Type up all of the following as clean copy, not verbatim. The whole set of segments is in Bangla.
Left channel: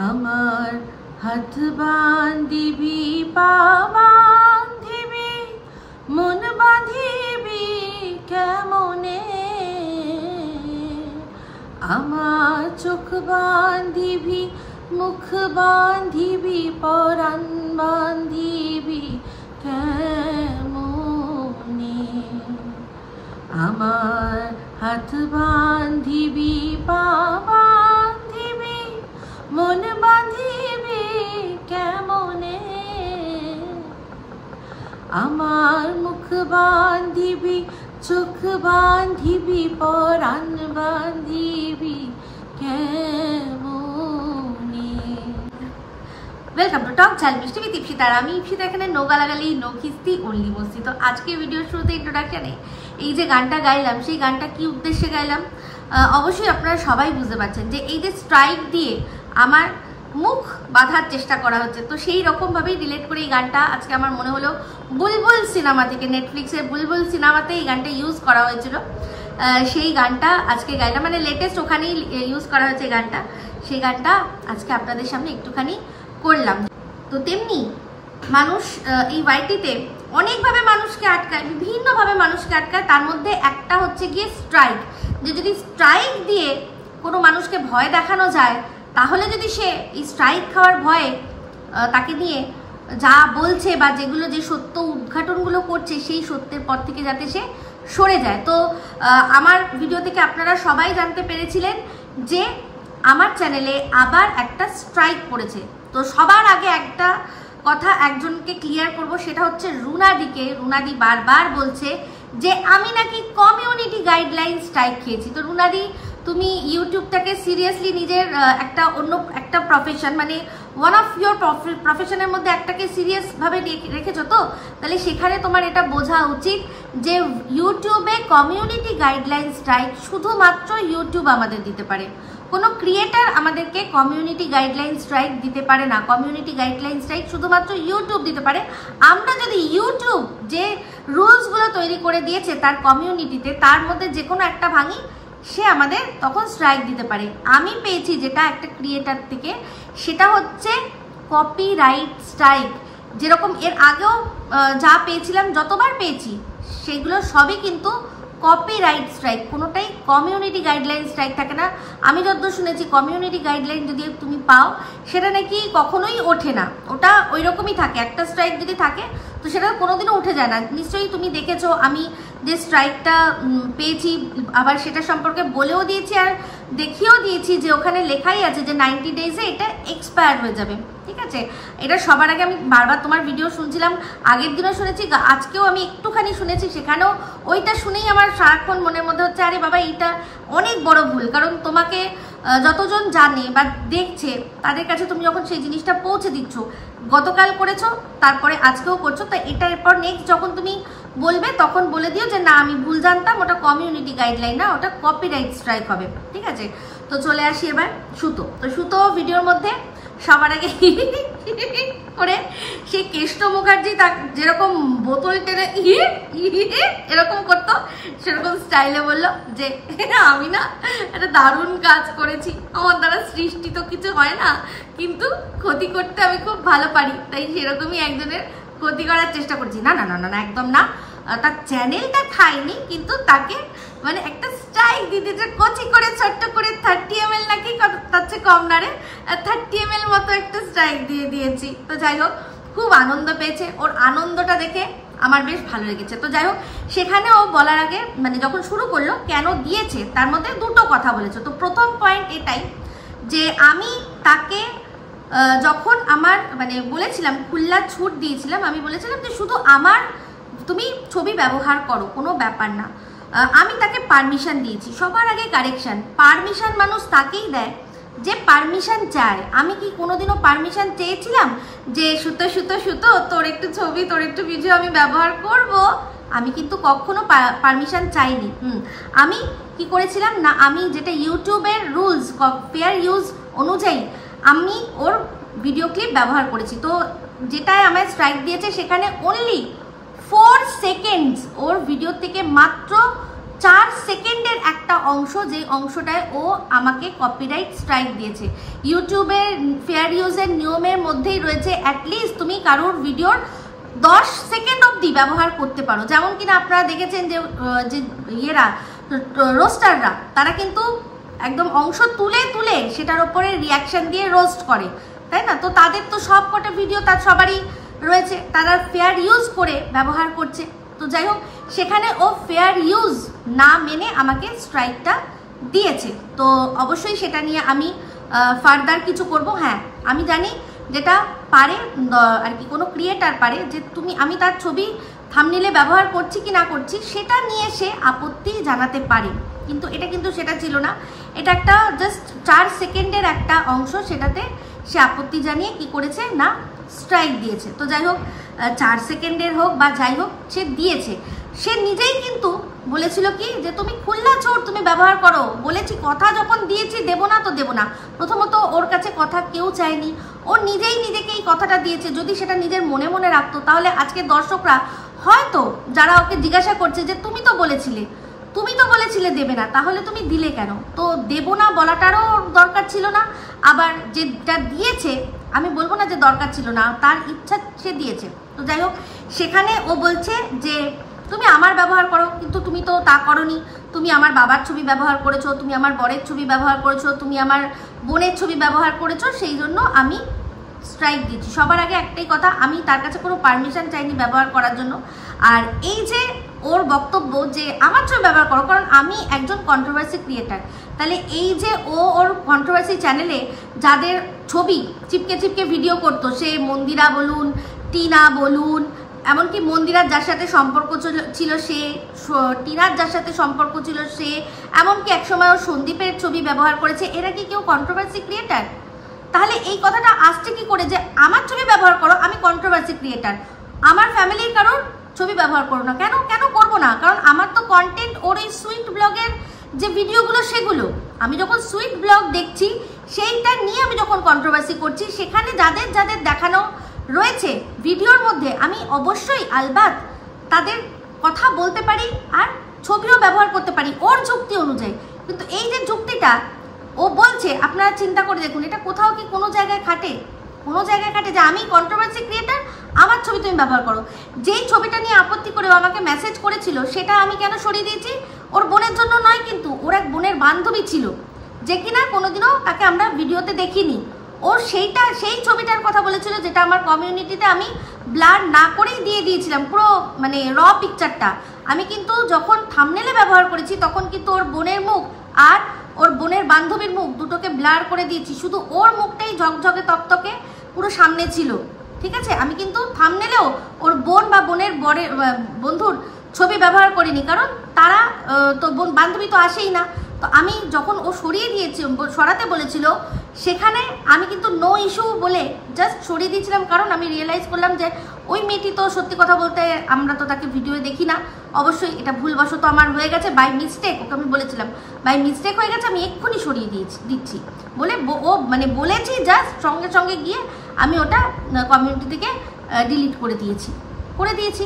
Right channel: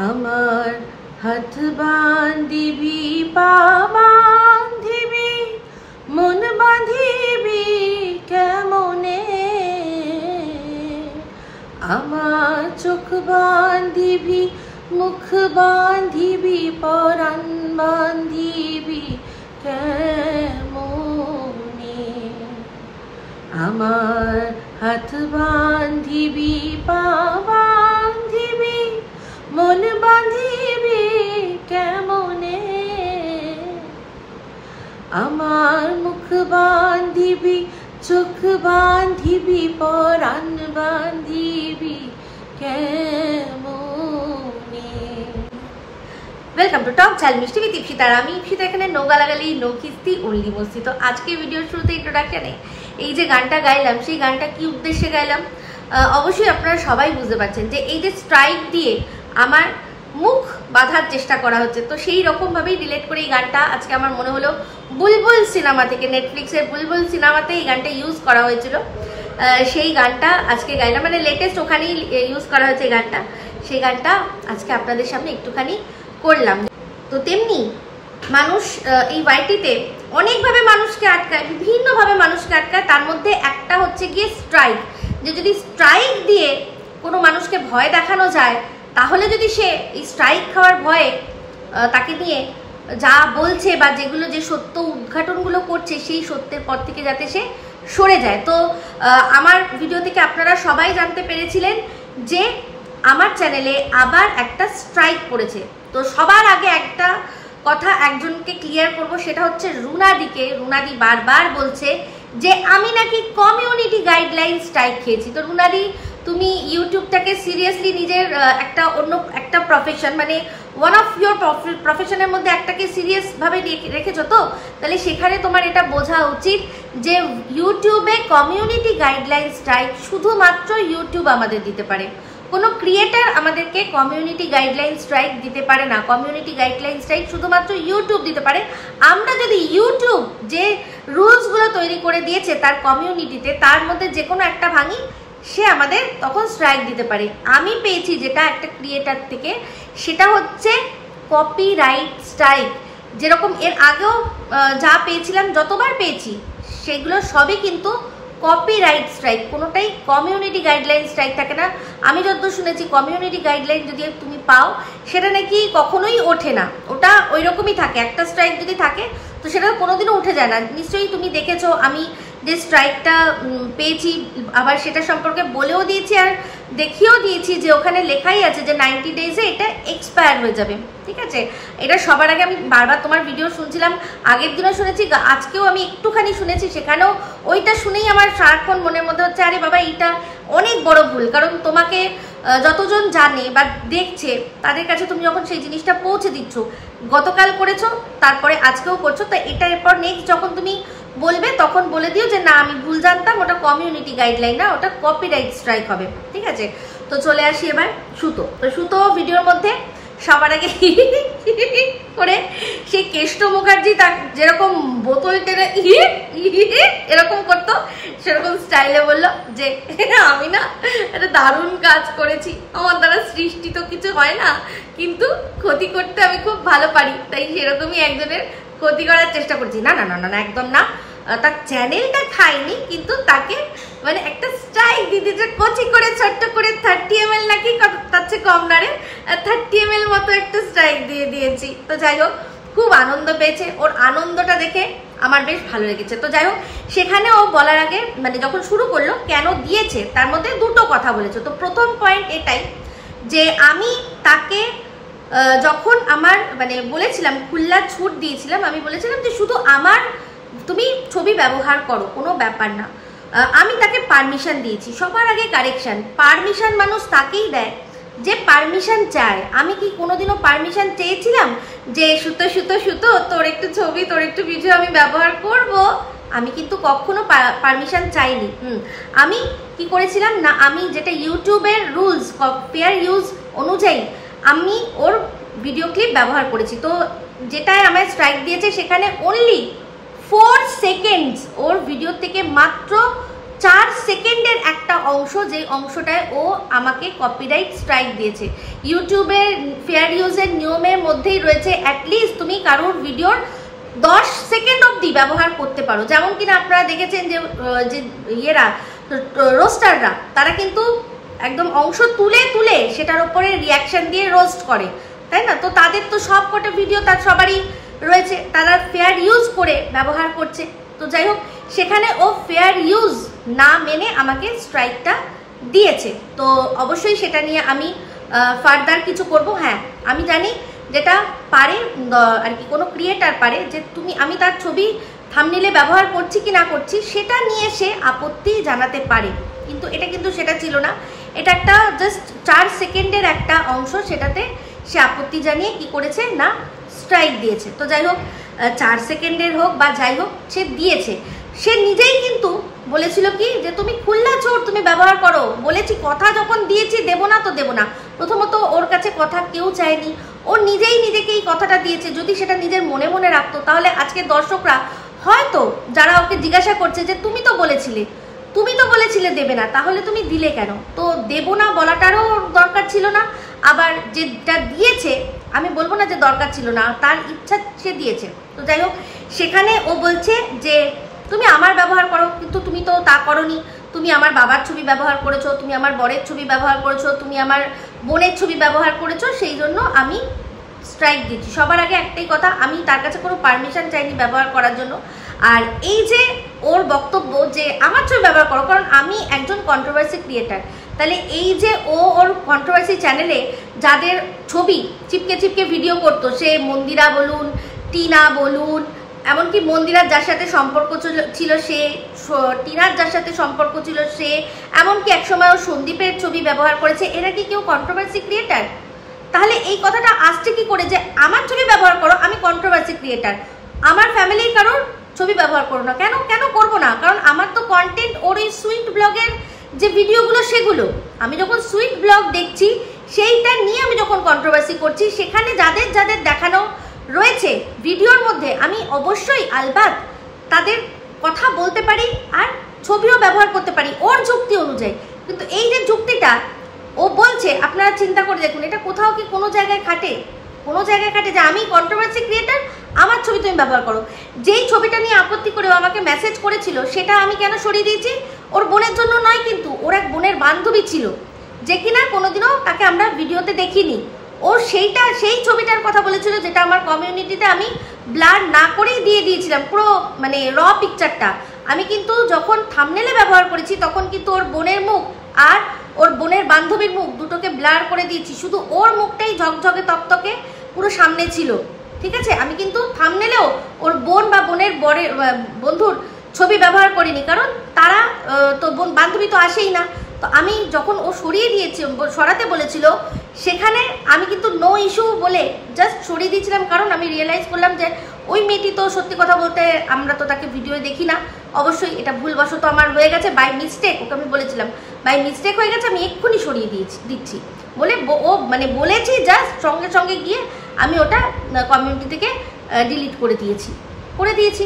আমার হাত বাঁধিবি পা বাঁধিবি মন বাঁধিবি কেমনে, আমার চোখ বাঁধিবি মুখ বাঁধিবি পরাণ বাঁধিবি কেমনে, আমার হাত বাঁধিবি পা বাঁধিবি মন বাঁধিবি কেমনে, আমার মুখ বাঁধিবি চোখ বাঁধিবি পরাণ বাঁধিবি কেমনে। ওয়েলকাম টু টক ঝাল মিষ্টি উইথ ইপসিতা। আর আমি ইপসিতা, এখানে নো গালাগালি নো খিস্তি অনলি মস্তি। তো আজকে ভিডিওর শুরুতে ইন্ট্রোডাকশনে এই যে গানটা গাইলাম, সেই গানটা কি উদ্দেশ্যে গাইলাম অবশ্যই আপনারা সবাই বুঝতে পারছেন যে এই যে স্ট্রাইক দিয়ে আমার মুখ বাঁধার চেষ্টা করা হচ্ছে, তো সেই রকম ভাবেই রিলেট করে এই গানটা আজকে আমার মনে হলো বুলবুল সিনেমা থেকে, নেটফ্লিক্সের বুলবুল সিনেমাতে এই গানটা ইউজ করা হয়েছিল, সেই গানটা আজকে গাইলাম, মানে লেটেস্ট ওখানেই ইউজ করা হয়েছে এই গানটা, সেই গানটা আজকে আপনাদের সামনে একটুখানি করলাম। তো তেমনি মানুষ এই ওয়াইটিতে অনেকভাবে মানুষকে আটকায়, বিভিন্নভাবে মানুষকে আটকায়, তার মধ্যে একটা হচ্ছে গিয়ে স্ট্রাইক, যে যদি স্ট্রাইক দিয়ে কোনো মানুষকে ভয় দেখানো যায়, তাহলে যদি সে এই স্ট্রাইক খাওয়ার ভয়ে তাকে নিয়ে যা বলছে বা যেগুলো যে সত্য উদ্ঘাটনগুলো করছে সেই সত্যের পর থেকে যাতে সে সরে যায়। তো আমার ভিডিও থেকে আপনারা সবাই জানতে পেরেছিলেন যে আমার চ্যানেলে আবার একটা স্ট্রাইক পড়েছে। তো সবার আগে একটা কথা একজনকে ক্লিয়ার করব, সেটা হচ্ছে রুনাদিকে। রুনাদি বারবার বলছে যে আমি নাকি কমিউনিটি গাইডলাইন স্ট্রাইক খেয়েছি। তো রুনাদি, তুমি ইউটিউবটাকে সিরিয়াসলি নিজের একটা অন্য একটা প্রফেশন, মানে ওয়ান অফ ইয়োর প্রফেশনের মধ্যে একটাকে সিরিয়াস ভাবে রেখেছো, তো তাহলে সেখানে তোমার এটা বোঝা উচিত যে ইউটিউবে কমিউনিটি গাইডলাইন স্ট্রাইক শুধুমাত্র ইউটিউব আমাদের দিতে পারে, কোনো ক্রিয়েটার আমাদেরকে কমিউনিটি গাইডলাইন স্ট্রাইক দিতে পারে না। কমিউনিটি গাইডলাইন স্ট্রাইক শুধুমাত্র ইউটিউব দিতে পারে। আমরা যদি ইউটিউব যে রুলসগুলো তৈরি করে দিয়েছে তার কমিউনিটিতে, তার মধ্যে যে কোনো একটা ভাঙি, সে আমাদের তখন স্ট্রাইক দিতে পারে। আমি পেয়েছি যেটা একটা ক্রিয়েটার থেকে, সেটা হচ্ছে কপিরাইট স্ট্রাইক। যেরকম এর আগেও যা পেয়েছিলাম, যতবার পেয়েছি, সেগুলো সবই কিন্তু কপিরাইট স্ট্রাইক, কোনোটাই কমিউনিটি গাইডলাইন স্ট্রাইক থাকে না। আমি যতদূর শুনেছি কমিউনিটি গাইডলাইন যদি তুমি পাও, সেটা নাকি কখনোই ওঠে না, ওটা ওই রকমই থাকে। একটা স্ট্রাইক যদি থাকে তো সেটা কোনোদিনও উঠে যায় না। নিশ্চয়ই তুমি দেখেছো আমি যে স্ট্রাইকটা পেয়েছি, আবার সেটা সম্পর্কে বলেও দিয়েছি আর দেখিয়েও দিয়েছি যে ওখানে লেখাই আছে যে 90 ডেজে এটা এক্সপায়ার হয়ে যাবে। ঠিক আছে, এটা সবার আগে আমি বারবার তোমার ভিডিও শুনছিলাম, আগের দিনও শুনেছি, আজকেও আমি একটুখানি শুনেছি, সেখানেও ওইটা শুনেই আমার সারাক্ষণ মনের মধ্যে হচ্ছে আরে বাবা এইটা অনেক বড় ভুল। কারণ তোমাকে যতজন জানে বা দেখছে তাদের কাছে তুমি যখন সেই জিনিসটা পৌঁছে দিচ্ছ, গতকাল করেছো তারপরে আজকেও করছো, তো এটা এরপর নেক্সট যখন তুমি বলবে তখন বলে দিও যে না আমি ভুল জানতাম, ওটা কমিউনিটি গাইডলাইন না, ওটা কপিরাইট স্ট্রাইক হবে। ঠিক আছে, তো চলে আসি এবার সুতো। তো সুতো ভিডিওর মধ্যে সবার আগে করে সেই কেষ্ট মুখার্জি তার যেরকম বোতল টেনে এরকম করতো, সেরকম স্টাইলে বললো যে আমি না একটা দারুণ কাজ করেছি, আমার দ্বারা সৃষ্টি তো কিছু হয় না, কিন্তু ক্ষতি করতে আমি খুব ভালো পারি, তাই সেরকমই একজনের ক্ষতি করার চেষ্টা করছি। না না না না একদম না, তার চ্যানেলটা খাইনি, কিন্তু তাকে মানে একটা স্ট্রাইক দিতে কচি করে ছোট্ট করে 30 ml নাকি তার চেয়ে কম না রে, 30 ml মতো একটা স্ট্রাইক দিয়ে দিয়েছি। তো যাই হোক, খুব আনন্দ পেয়েছে, ওর আনন্দটা দেখে আমার বেশ ভালো লেগেছে। তো যাই হোক, সেখানে ও বলার আগে মানে যখন শুরু করলো কেন দিয়েছে, তার মধ্যে দুটো কথা বলেছে। তো প্রথম পয়েন্ট এটাই যে আমি তাকে যখন আমার মানে বলেছিলাম, খুল্লা ছুট দিয়েছিলাম, আমি বলেছিলাম যে শুধু আমার তুমি ছবি ব্যবহার করো, কোনো ব্যাপার না। আমি তাকে পারমিশন দিয়েছি। সবার আগে কারেকশন, পারমিশন মানুষ তাকেই দেয় যে পারমিশন চায়। আমি কি কোনোদিনও পারমিশন চেয়েছিলাম যে সুতো সুতো সুতো তোর একটু ছবি তোর একটু ভিডিও আমি ব্যবহার করব? আমি কিন্তু কখনো পারমিশন চাইনি। আমি কি করেছিলাম না, আমি যেটা ইউটিউবের রুলস ফেয়ার ইউজ অনুযায়ী আমি ওর ভিডিও ক্লিপ ব্যবহার করেছি। তো যেটায় আমায় স্ট্রাইক দিয়েছে সেখানে অনলি 4 সেকেন্ডস, ওর ভিডিও থেকে মাত্র 4 সেকেন্ডের একটা অংশ, যে অংশটায় ও আমাকে কপিরাইট স্ট্রাইক দিয়েছে। ইউটিউবের ফেয়ার ইউজের নিয়মের মধ্যেই রয়েছে অ্যাটলিস্ট তুমি কারোর ভিডিওর 10 সেকেন্ড অবধি ব্যবহার করতে পারো। যেমন কিনা আপনারা দেখেছেন যে ইয়েরা রোস্টাররা তারা কিন্তু একদম অংশ তুলে তুলে সেটার উপরে রিয়াকশন দিয়ে রোস্ট করে, তাই না? তো তাদের তো সব কটা ভিডিও তার সবারই রয়েছে, তারা ফেয়ার ইউজ করে ব্যবহার করছে। তো যাই হোক, সেখানে ও ফেয়ার ইউজ না মেনে আমাকে স্ট্রাইকটা দিয়েছে। তো অবশ্যই সেটা নিয়ে আমি ফার্দার কিছু করব। হ্যাঁ, আমি জানি যেটা পারে আর কি কোনো ক্রিয়েটার পারে যে আমি তার ছবি থাম্বনেইলে ব্যবহার করছি কি না করছি সেটা নিয়ে সে আপত্তি জানাতে পারে, কিন্তু এটা কিন্তু সেটা ছিল না। এটা একটা জাস্ট 4 সেকেন্ডের একটা অংশ, সেটাতে সে আপত্তি জানিয়ে কি করেছে না স্ট্রাইক দিয়েছে। তো যাই হোক, 4 সেকেন্ডের হোক বা যাই হোক, সে দিয়েছে। সে নিজেই কিন্তু বলেছিল কি যে তুমি খুল্লা চোর, তুমি ব্যবহার করো। বলেছি, কথা যখন দিয়েছি দেবো না তো দেবো না। প্রথমত ওর কাছে কথা কেউ চায়নি, ও নিজেই নিজেকে এই কথাটা দিয়েছে। যদি সেটা নিজের মনে মনে রাখতো তাহলে আজকে দর্শকরা হয়তো যারা ওকে জিজ্ঞাসা করছে যে তুমি তো বলেছিলে দেবে না, তাহলে তুমি দিলে কেন? তো দেবো না বলাটারও দরকার ছিল না, আবার যেটা দিয়েছে আমি বলবো না যে দরকার ছিল না, তার ইচ্ছা সে দিয়েছে। তো যাই হোক, সেখানে ও বলছে যে তুমি আমার ব্যবহার করো, কিন্তু তুমি তো তা করোনি। তুমি আমার বাবার ছবি ব্যবহার করেছো, তুমি আমার বরের ছবি ব্যবহার করেছো, তুমি আমার বোনের ছবি ব্যবহার করেছো, সেই জন্য আমি স্ট্রাইক দিচ্ছি। সবার আগে একটাই কথা, আমি তার কাছে কোনো পারমিশন চাইনি ব্যবহার করার জন্য। আর এই যে ওর বক্তব্য যে আমার ছবি ব্যবহার করো, কারণ আমি একজন কন্ট্রোভার্সি ক্রিয়েটার, তাহলে এই যে ওর কন্ট্রোভার্সি চ্যানেলে যাদের ছবি চিপকে চিপকে ভিডিও করতো, সে মন্দিরা বলুন, টিনা বলুন, এমনকি মন্দিরার যার সাথে সম্পর্ক ছিল সে, টিনার যার সাথে সম্পর্ক ছিল সে, এমনকি একসময় ও সন্দীপের ছবি ব্যবহার করেছে, এরা কি কেউ কন্ট্রোভার্সি ক্রিয়েটার? তাহলে এই কথাটা আসছে কি করে যে আমার ছবি ব্যবহার করো, আমি কন্ট্রোভার্সি ক্রিয়েটার, আমার ফ্যামিলির কারোর ছবি ব্যবহার করো না? কেন করবো না? কারণ আমার তো কন্টেন্ট ওর এই সুইট ব্লগের যে ভিডিওগুলো, সেগুলো আমি যখন সুইট ব্লগ দেখছি সেইটা নিয়ে আমি যখন কন্ট্রোভার্সি করছি, সেখানে যাদের যাদের দেখানো রয়েছে ভিডিওর মধ্যে আমি অবশ্যই আলবাত তাদের কথা বলতে পারি আর ছবিও ব্যবহার করতে পারি ওর যুক্তি অনুযায়ী। কিন্তু এই যে যুক্তিটা ও বলছে, আপনারা চিন্তা করে দেখুন, এটা কোথাও কি কোনো জায়গায় খাটে? কোনো জায়গায় খাটে যে আমি কন্ট্রোভার্সি ক্রিয়েটার, আমার ছবি তুমি ব্যবহার করো? যেই ছবিটা নিয়ে আপত্তি করে ও আমাকে মেসেজ করেছিল, সেটা আমি কেন সরিয়ে দিয়েছি? ওর বোনের জন্য নয়, কিন্তু ওর এক বোনের বান্ধবী ছিল যে কিনা কোনোদিনও তাকে আমরা ভিডিওতে দেখিনি। ও সেই ছবিটার কথা বলেছিল, যেটা আমার কমিউনিটিতে আমি ব্লার না করেই দিয়ে দিয়েছিলাম, পুরো মানে র পিকচারটা। আমি কিন্তু যখন থাম্বনেইলে ব্যবহার করেছি তখন কিন্তু ওর বোনের মুখ আর ওর বোনের বান্ধবীর মুখ দুটোকে ব্লার করে দিয়েছি, শুধু ওর মুখটাই ঝকঝকে তকতকে পুরো সামনে ছিল, ঠিক আছে? আমি কিন্তু থাম্বনেইলেও ওর বোন বা বোনের বন্ধুর ছবি ব্যবহার করিনি, কারণ তারা তো বান্ধবী তো আসেই না। তো আমি যখন ও সরাতে বলেছিল, সেখানে আমি কিন্তু নো ইস্যু বলে জাস্ট সরিয়ে দিয়েছিলাম, কারণ আমি রিয়েলাইজ করলাম যে ওই মেয়েটি তো সত্যি কথা বলতে আমরা তো তাকে ভিডিও দেখি না, অবশ্যই এটা ভুলবশত আমার হয়ে গেছে, বাই মিস্টেক। ওকে আমি বলেছিলাম বাই মিস্টেক হয়ে গেছে, আমি এক্ষুনি সরিয়ে দিচ্ছি বলে ও মানে বলেছি, জাস্ট সঙ্গে সঙ্গে গিয়ে আমি ওটা কমিউনিটি থেকে ডিলিট করে দিয়েছি।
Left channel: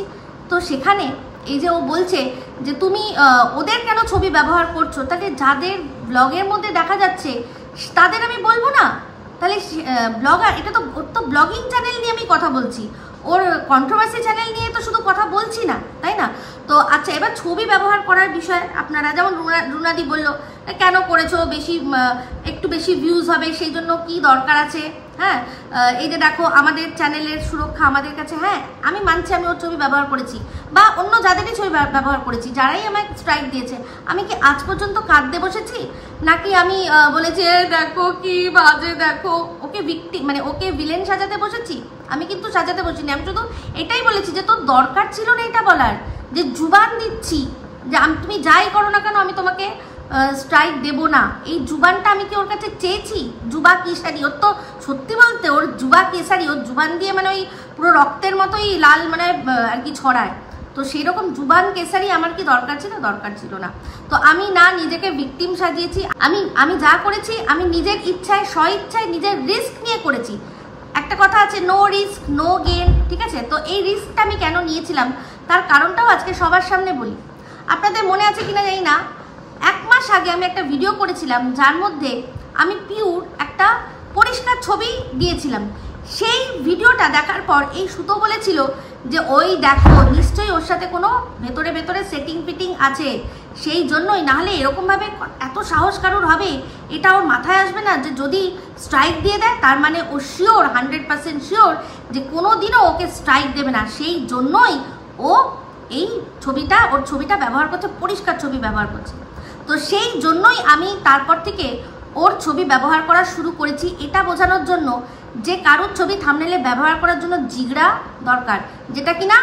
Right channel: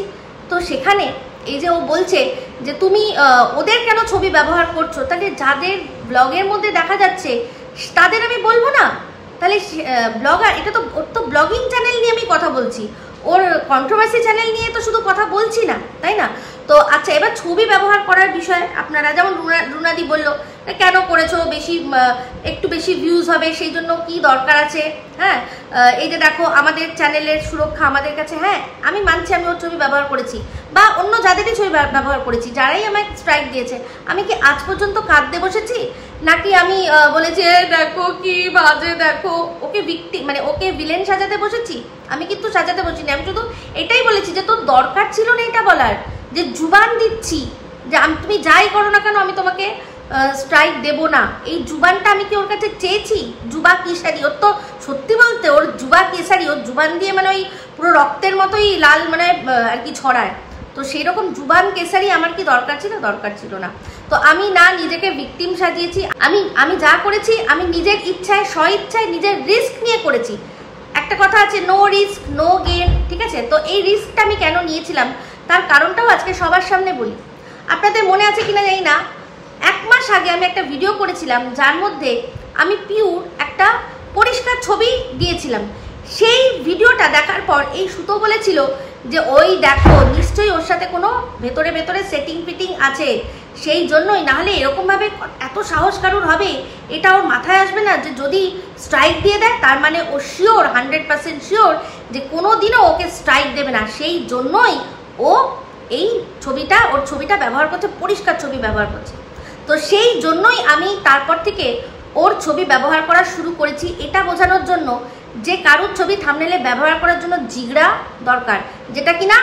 তো সেখানে এই যে ও বলছে যে তুমি ওদের কেন ছবি ব্যবহার করছো, তাহলে যাদের ব্লগের মধ্যে দেখা যাচ্ছে তাদের আমি বলবো না? তাহলে ব্লগার, এটা তো ওর তো ব্লগিং চ্যানেল নিয়ে আমি কথা বলছি, ওর কন্ট্রোভার্সি চ্যানেল নিয়ে তো শুধু কথা বলছি না, তাই না? তো আচ্ছা, এবার ছবি ব্যবহার করার বিষয়ে আপনারা যেমন রুনাদি বললো কেন করেছো, একটু বেশি ভিউজ হবে, সেই জন্য কি দরকার আছে? হ্যাঁ, এই যে দেখো আমাদের চ্যানেলের সুরক্ষা আমাদের কাছে। হ্যাঁ, আমি মানছি আমি ওর ছবি ব্যবহার করেছি, বা অন্য যাদেরই ছবি ব্যবহার করেছি, যারাই আমাকে স্ট্রাইক দিয়েছে, আমি কি আজ পর্যন্ত কাঁদতে বসেছি? নাকি আমি বলেছি দেখো কি বাজে, দেখো ওকে মানে ওকে ভিলেন সাজাতে বসেছি? আমি কিন্তু সাজাতে বসিনি, আমি শুধু এটাই বলেছি যে তোর দরকার ছিল না এটা বলার, যে জুবান দিচ্ছি যে তুমি যাই করো না কেন আমি তোমাকে স্ট্রাইক দেব না। এই জুবানটা আমি কি ওর কাছে চেয়েছি? জুবা কেশারি, ওর তো সত্যি বলতে ওর জুবা কেশারি, ওর জুবান দিয়ে মানে ওই পুরো রক্তের মতোই লাল মানে আর কি ছড়ায়, তো সেই রকম জুবান কেশারি আমার কি দরকার ছিল? দরকার ছিল না। তো আমি না নিজেকে ভিকটিম সাজিয়েছি, আমি যা করেছি আমি নিজের ইচ্ছায় স্বইচ্ছায় নিজের রিস্ক নিয়ে করেছি। একটা কথা আছে, নো রিস্ক নো গেইন, ঠিক আছে? তো এই রিস্কটা আমি কেন নিয়েছিলাম তার কারণটাও আজকে সবার সামনে বলি। আপনাদের মনে আছে কিনা জানি না, 1 মাস আগে আমি একটা ভিডিও করেছিলাম যার মধ্যে আমি পিওর একটা পরিষ্কার ছবি দিয়েছিলাম। সেই ভিডিওটা দেখার পর এই সুতো বলেছিল যে ওই দেখো নিশ্চয়ই ওর সাথে কোনো ভেতরে ভেতরে সেটিং ফিটিং আছে, সেই জন্যই, নাহলে এরকম ভাবে এত সাহস কারোর হবে এটা ওর মাথায় আসবে না যে যদি স্ট্রাইক দিয়ে দেয় তার মানে ও শিওর 100% শিওর যে কোনোদিনও ওকে স্ট্রাইক দেবে না। সেই জন্যই ও এই ছবিটা, ওর ছবিটা ব্যবহার করছে, পরিষ্কার ছবি ব্যবহার করছে। তো সেই জন্যই আমি তারপর থেকে ওর ছবি ব্যবহার করা শুরু করেছি, এটা বোঝানোর জন্য যে কারুর ছবি থাম্বনেলে ব্যবহার করার জন্য জিগড়া দরকার, যেটা কিনা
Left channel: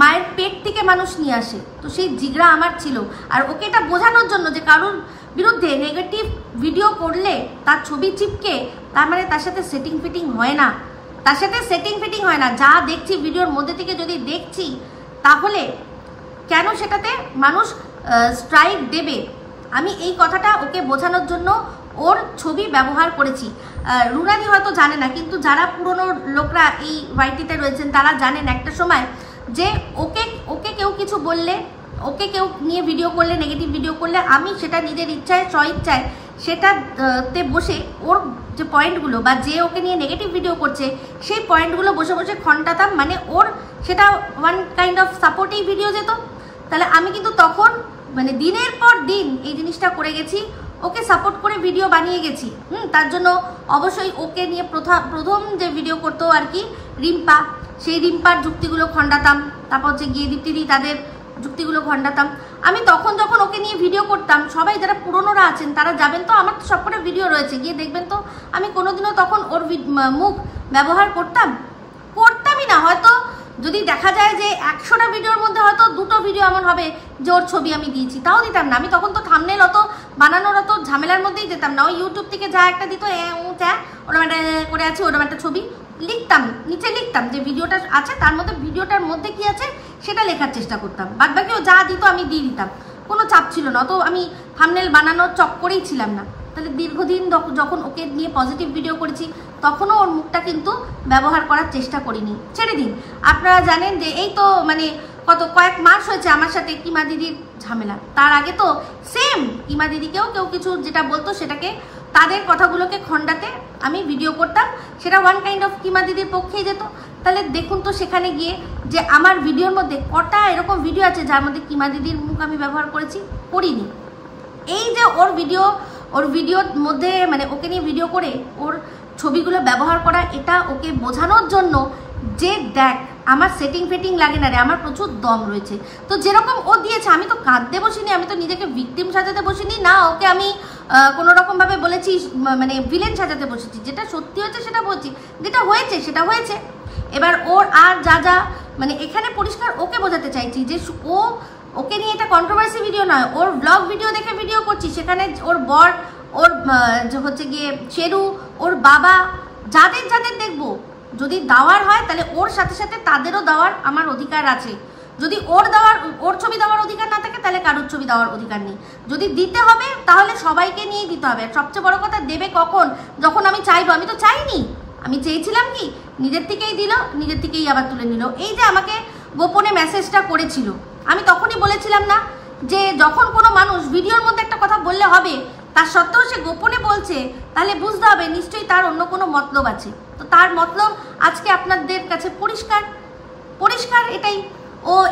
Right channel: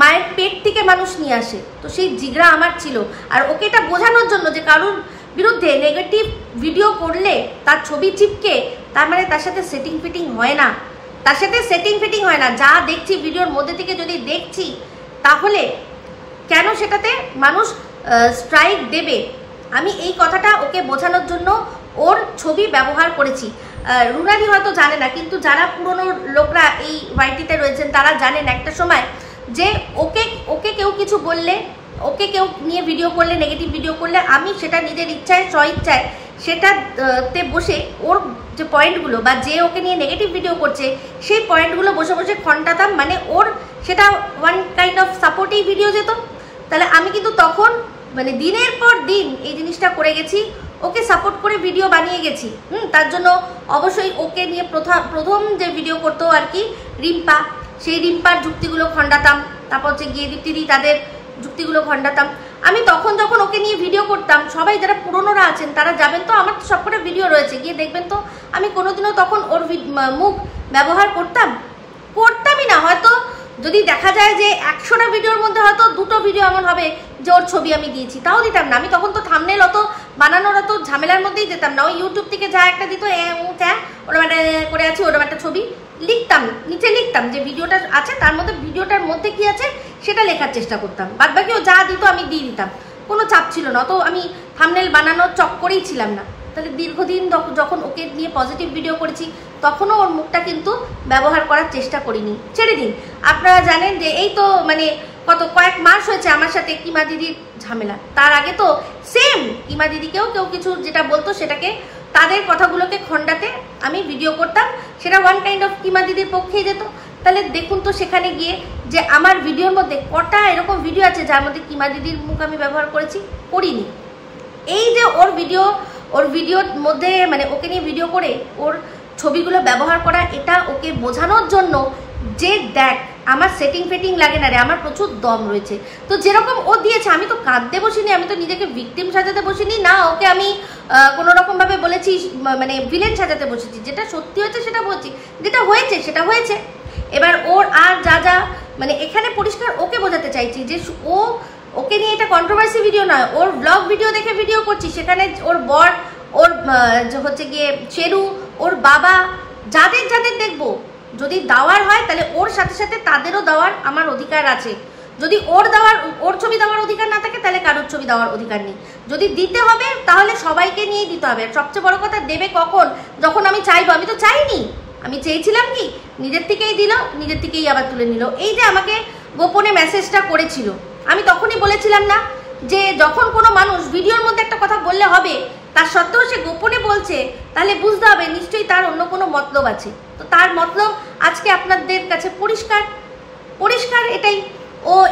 মায়ের পেট থেকে মানুষ নিয়ে আসে। তো সেই জিগড়া আমার ছিল। আর ওকে এটা বোঝানোর জন্য যে কারুর বিরুদ্ধে নেগেটিভ ভিডিও করলে তার ছবি চিপকে তার মানে তার সাথে সেটিং ফিটিং হয় না, তার সাথে সেটিং ফিটিং হয় না। যা দেখছি ভিডিওর মধ্যে থেকে যদি দেখছি তাহলে কেন সেটাতে মানুষ স্ট্রাইক দেবে, আমি এই কথাটা ওকে বোঝানোর জন্য ওর ছবি ব্যবহার করেছি। রুনালি হয়তো জানে না, কিন্তু যারা পুরনো লোকরা এই ওয়াইটিতে রয়েছেন তারা জানেন একটা সময় যে ওকে কেউ কিছু বললে, ওকে কেউ নিয়ে ভিডিও করলে, নেগেটিভ ভিডিও করলে, আমি সেটা নিজের ইচ্ছায় স্বইচ্ছায় সেটাতে বসে ওর যে পয়েন্টগুলো বা যে ওকে নিয়ে নেগেটিভ ভিডিও করছে সেই পয়েন্টগুলো বসে বসে খণ্ডাতাম, মানে ওর সেটা one kind of supporting video যেত। তাহলে আমি কিন্তু তখন মানে দিনের পর দিন এই জিনিসটা করে গেছি, ওকে সাপোর্ট করে ভিডিও বানিয়ে গেছি। তার জন্য অবশ্যই ওকে নিয়ে প্রথম যে ভিডিও করতো আর কি রিম্পা, সেই রিম্পার যুক্তিগুলো খণ্ডাতাম, তারপর হচ্ছে গিয়ে দীপ্তিদি তাদের যুক্তিগুলো খণ্ডাতাম। আমি তখন যখন ওকে নিয়ে ভিডিও করতাম, সবাই যারা পুরনোরা আছেন তারা যাবেন তো, আমার তো সবকটা ভিডিও রয়েছে, গিয়ে দেখবেন তো আমি কোনোদিনও তখন ওর মুখ ব্যবহার করতামই না। হয়তো যদি দেখা যায় যে 100টা ভিডিওর মধ্যে হয়তো 2টো ভিডিও এমন হবে যে ওর ছবি আমি দিয়েছি, তাও দিতাম না। আমি তখন তো থাম্বনেল অত বানানোর অত ঝামেলার মধ্যেই যেতাম না। ওই ইউটিউব থেকে যা একটা দিত ওরকম একটা করে আছে, ওরকম একটা ছবি লিখতাম, নিচে লিখতাম যে ভিডিওটা আছে, তার মধ্যে ভিডিওটার মধ্যে কি আছে সেটা লেখার চেষ্টা করতাম। বাদ বাকিও যা দিত আমি দিয়ে দিতাম, কোনো চাপ ছিল না। অত আমি থাম্বনেল বানানোর চক্করেই ছিলাম না। তাহলে দীর্ঘদিন যখন ওকে নিয়ে পজিটিভ ভিডিও করেছি তখনও ওর মুখটা কিন্তু ব্যবহার করার চেষ্টা করিনি, ছেড়ে দিন। আপনারা জানেন যে এই তো মানে কয়েক মাস হয়েছে আমার সাথে কিমা দিদির ঝামেলা। তার আগে তো সেম কিমা দিদিকেও কেউ কিছু যেটা বলতো সেটাকে, তাদের কথাগুলোকে খণ্ডাতে আমি ভিডিও করতাম, সেটা ওয়ান কাইন্ড অফ কিমা দিদির পক্ষেই যেত। তাহলে দেখুন তো সেখানে গিয়ে যে আমার ভিডিওর মধ্যে কটা এরকম ভিডিও আছে যার মধ্যে কিমা দিদির মুখ আমি ব্যবহার করিনি। এই যে ওর ভিডিওর মধ্যে মানে ওকে নিয়ে ভিডিও করে ওর ছবিগুলো ব্যবহার করা, এটা ওকে বোঝানোর জন্য যে দেখ আমার সেটিং ফেটিং লাগে না রে, আমার প্রচুর দম রয়েছে। তো যেরকম ও দিয়েছে, আমি তো কাঁদতে বসিনি, আমি তো নিজেকে ভিকটিম সাজাতে বসিনি না, ওকে আমি কোনো রকম ভাবে বলেছি মানে ভিলেন সাজাতে বসেছি। যেটা সত্যি হয়েছে সেটা বলছি, যেটা হয়েছে সেটা হয়েছে। এবার ওর আর যা মানে এখানে পরিষ্কার ওকে বোঝাতে চাইছি যে ওকে নিয়ে এটা কন্ট্রোভার্সি ভিডিও নয়, ওর ব্লগ ভিডিও দেখে ভিডিও করছি। সেখানে ওর বর, ওর হচ্ছে গিয়ে শেরু, ওর বাবা, যাদের দেখবো, যদি দেওয়ার হয় তাহলে ওর সাথে সাথে তাদেরও দেওয়ার আমার অধিকার আছে। যদি ওর ছবি দেওয়ার অধিকার না থাকে তাহলে কারোর ছবি দেওয়ার অধিকার নেই। যদি দিতে হবে তাহলে সবাইকে নিয়েই দিতে হবে। সবচেয়ে বড় কথা, দেবে কখন? যখন আমি চাইবো। আমি তো চাইনি, আমি চেয়েছিলাম কি নিজের থেকেই দিল, নিজের থেকেই আবার তুলে নিল। এই যে আমাকে গোপনে মেসেজটা করেছিল, আমি তখনই বলেছিলাম না যে যখন কোনো মানুষ ভিডিওর মধ্যে একটা কথা বললে হবে, তার সত্ত্বেও সে গোপনে বলছে, তাহলে বুঝতে হবে নিশ্চয়ই তার অন্য কোনো মতলব আছে। তো তার মতলব আজকে আপনাদের কাছে পরিষ্কার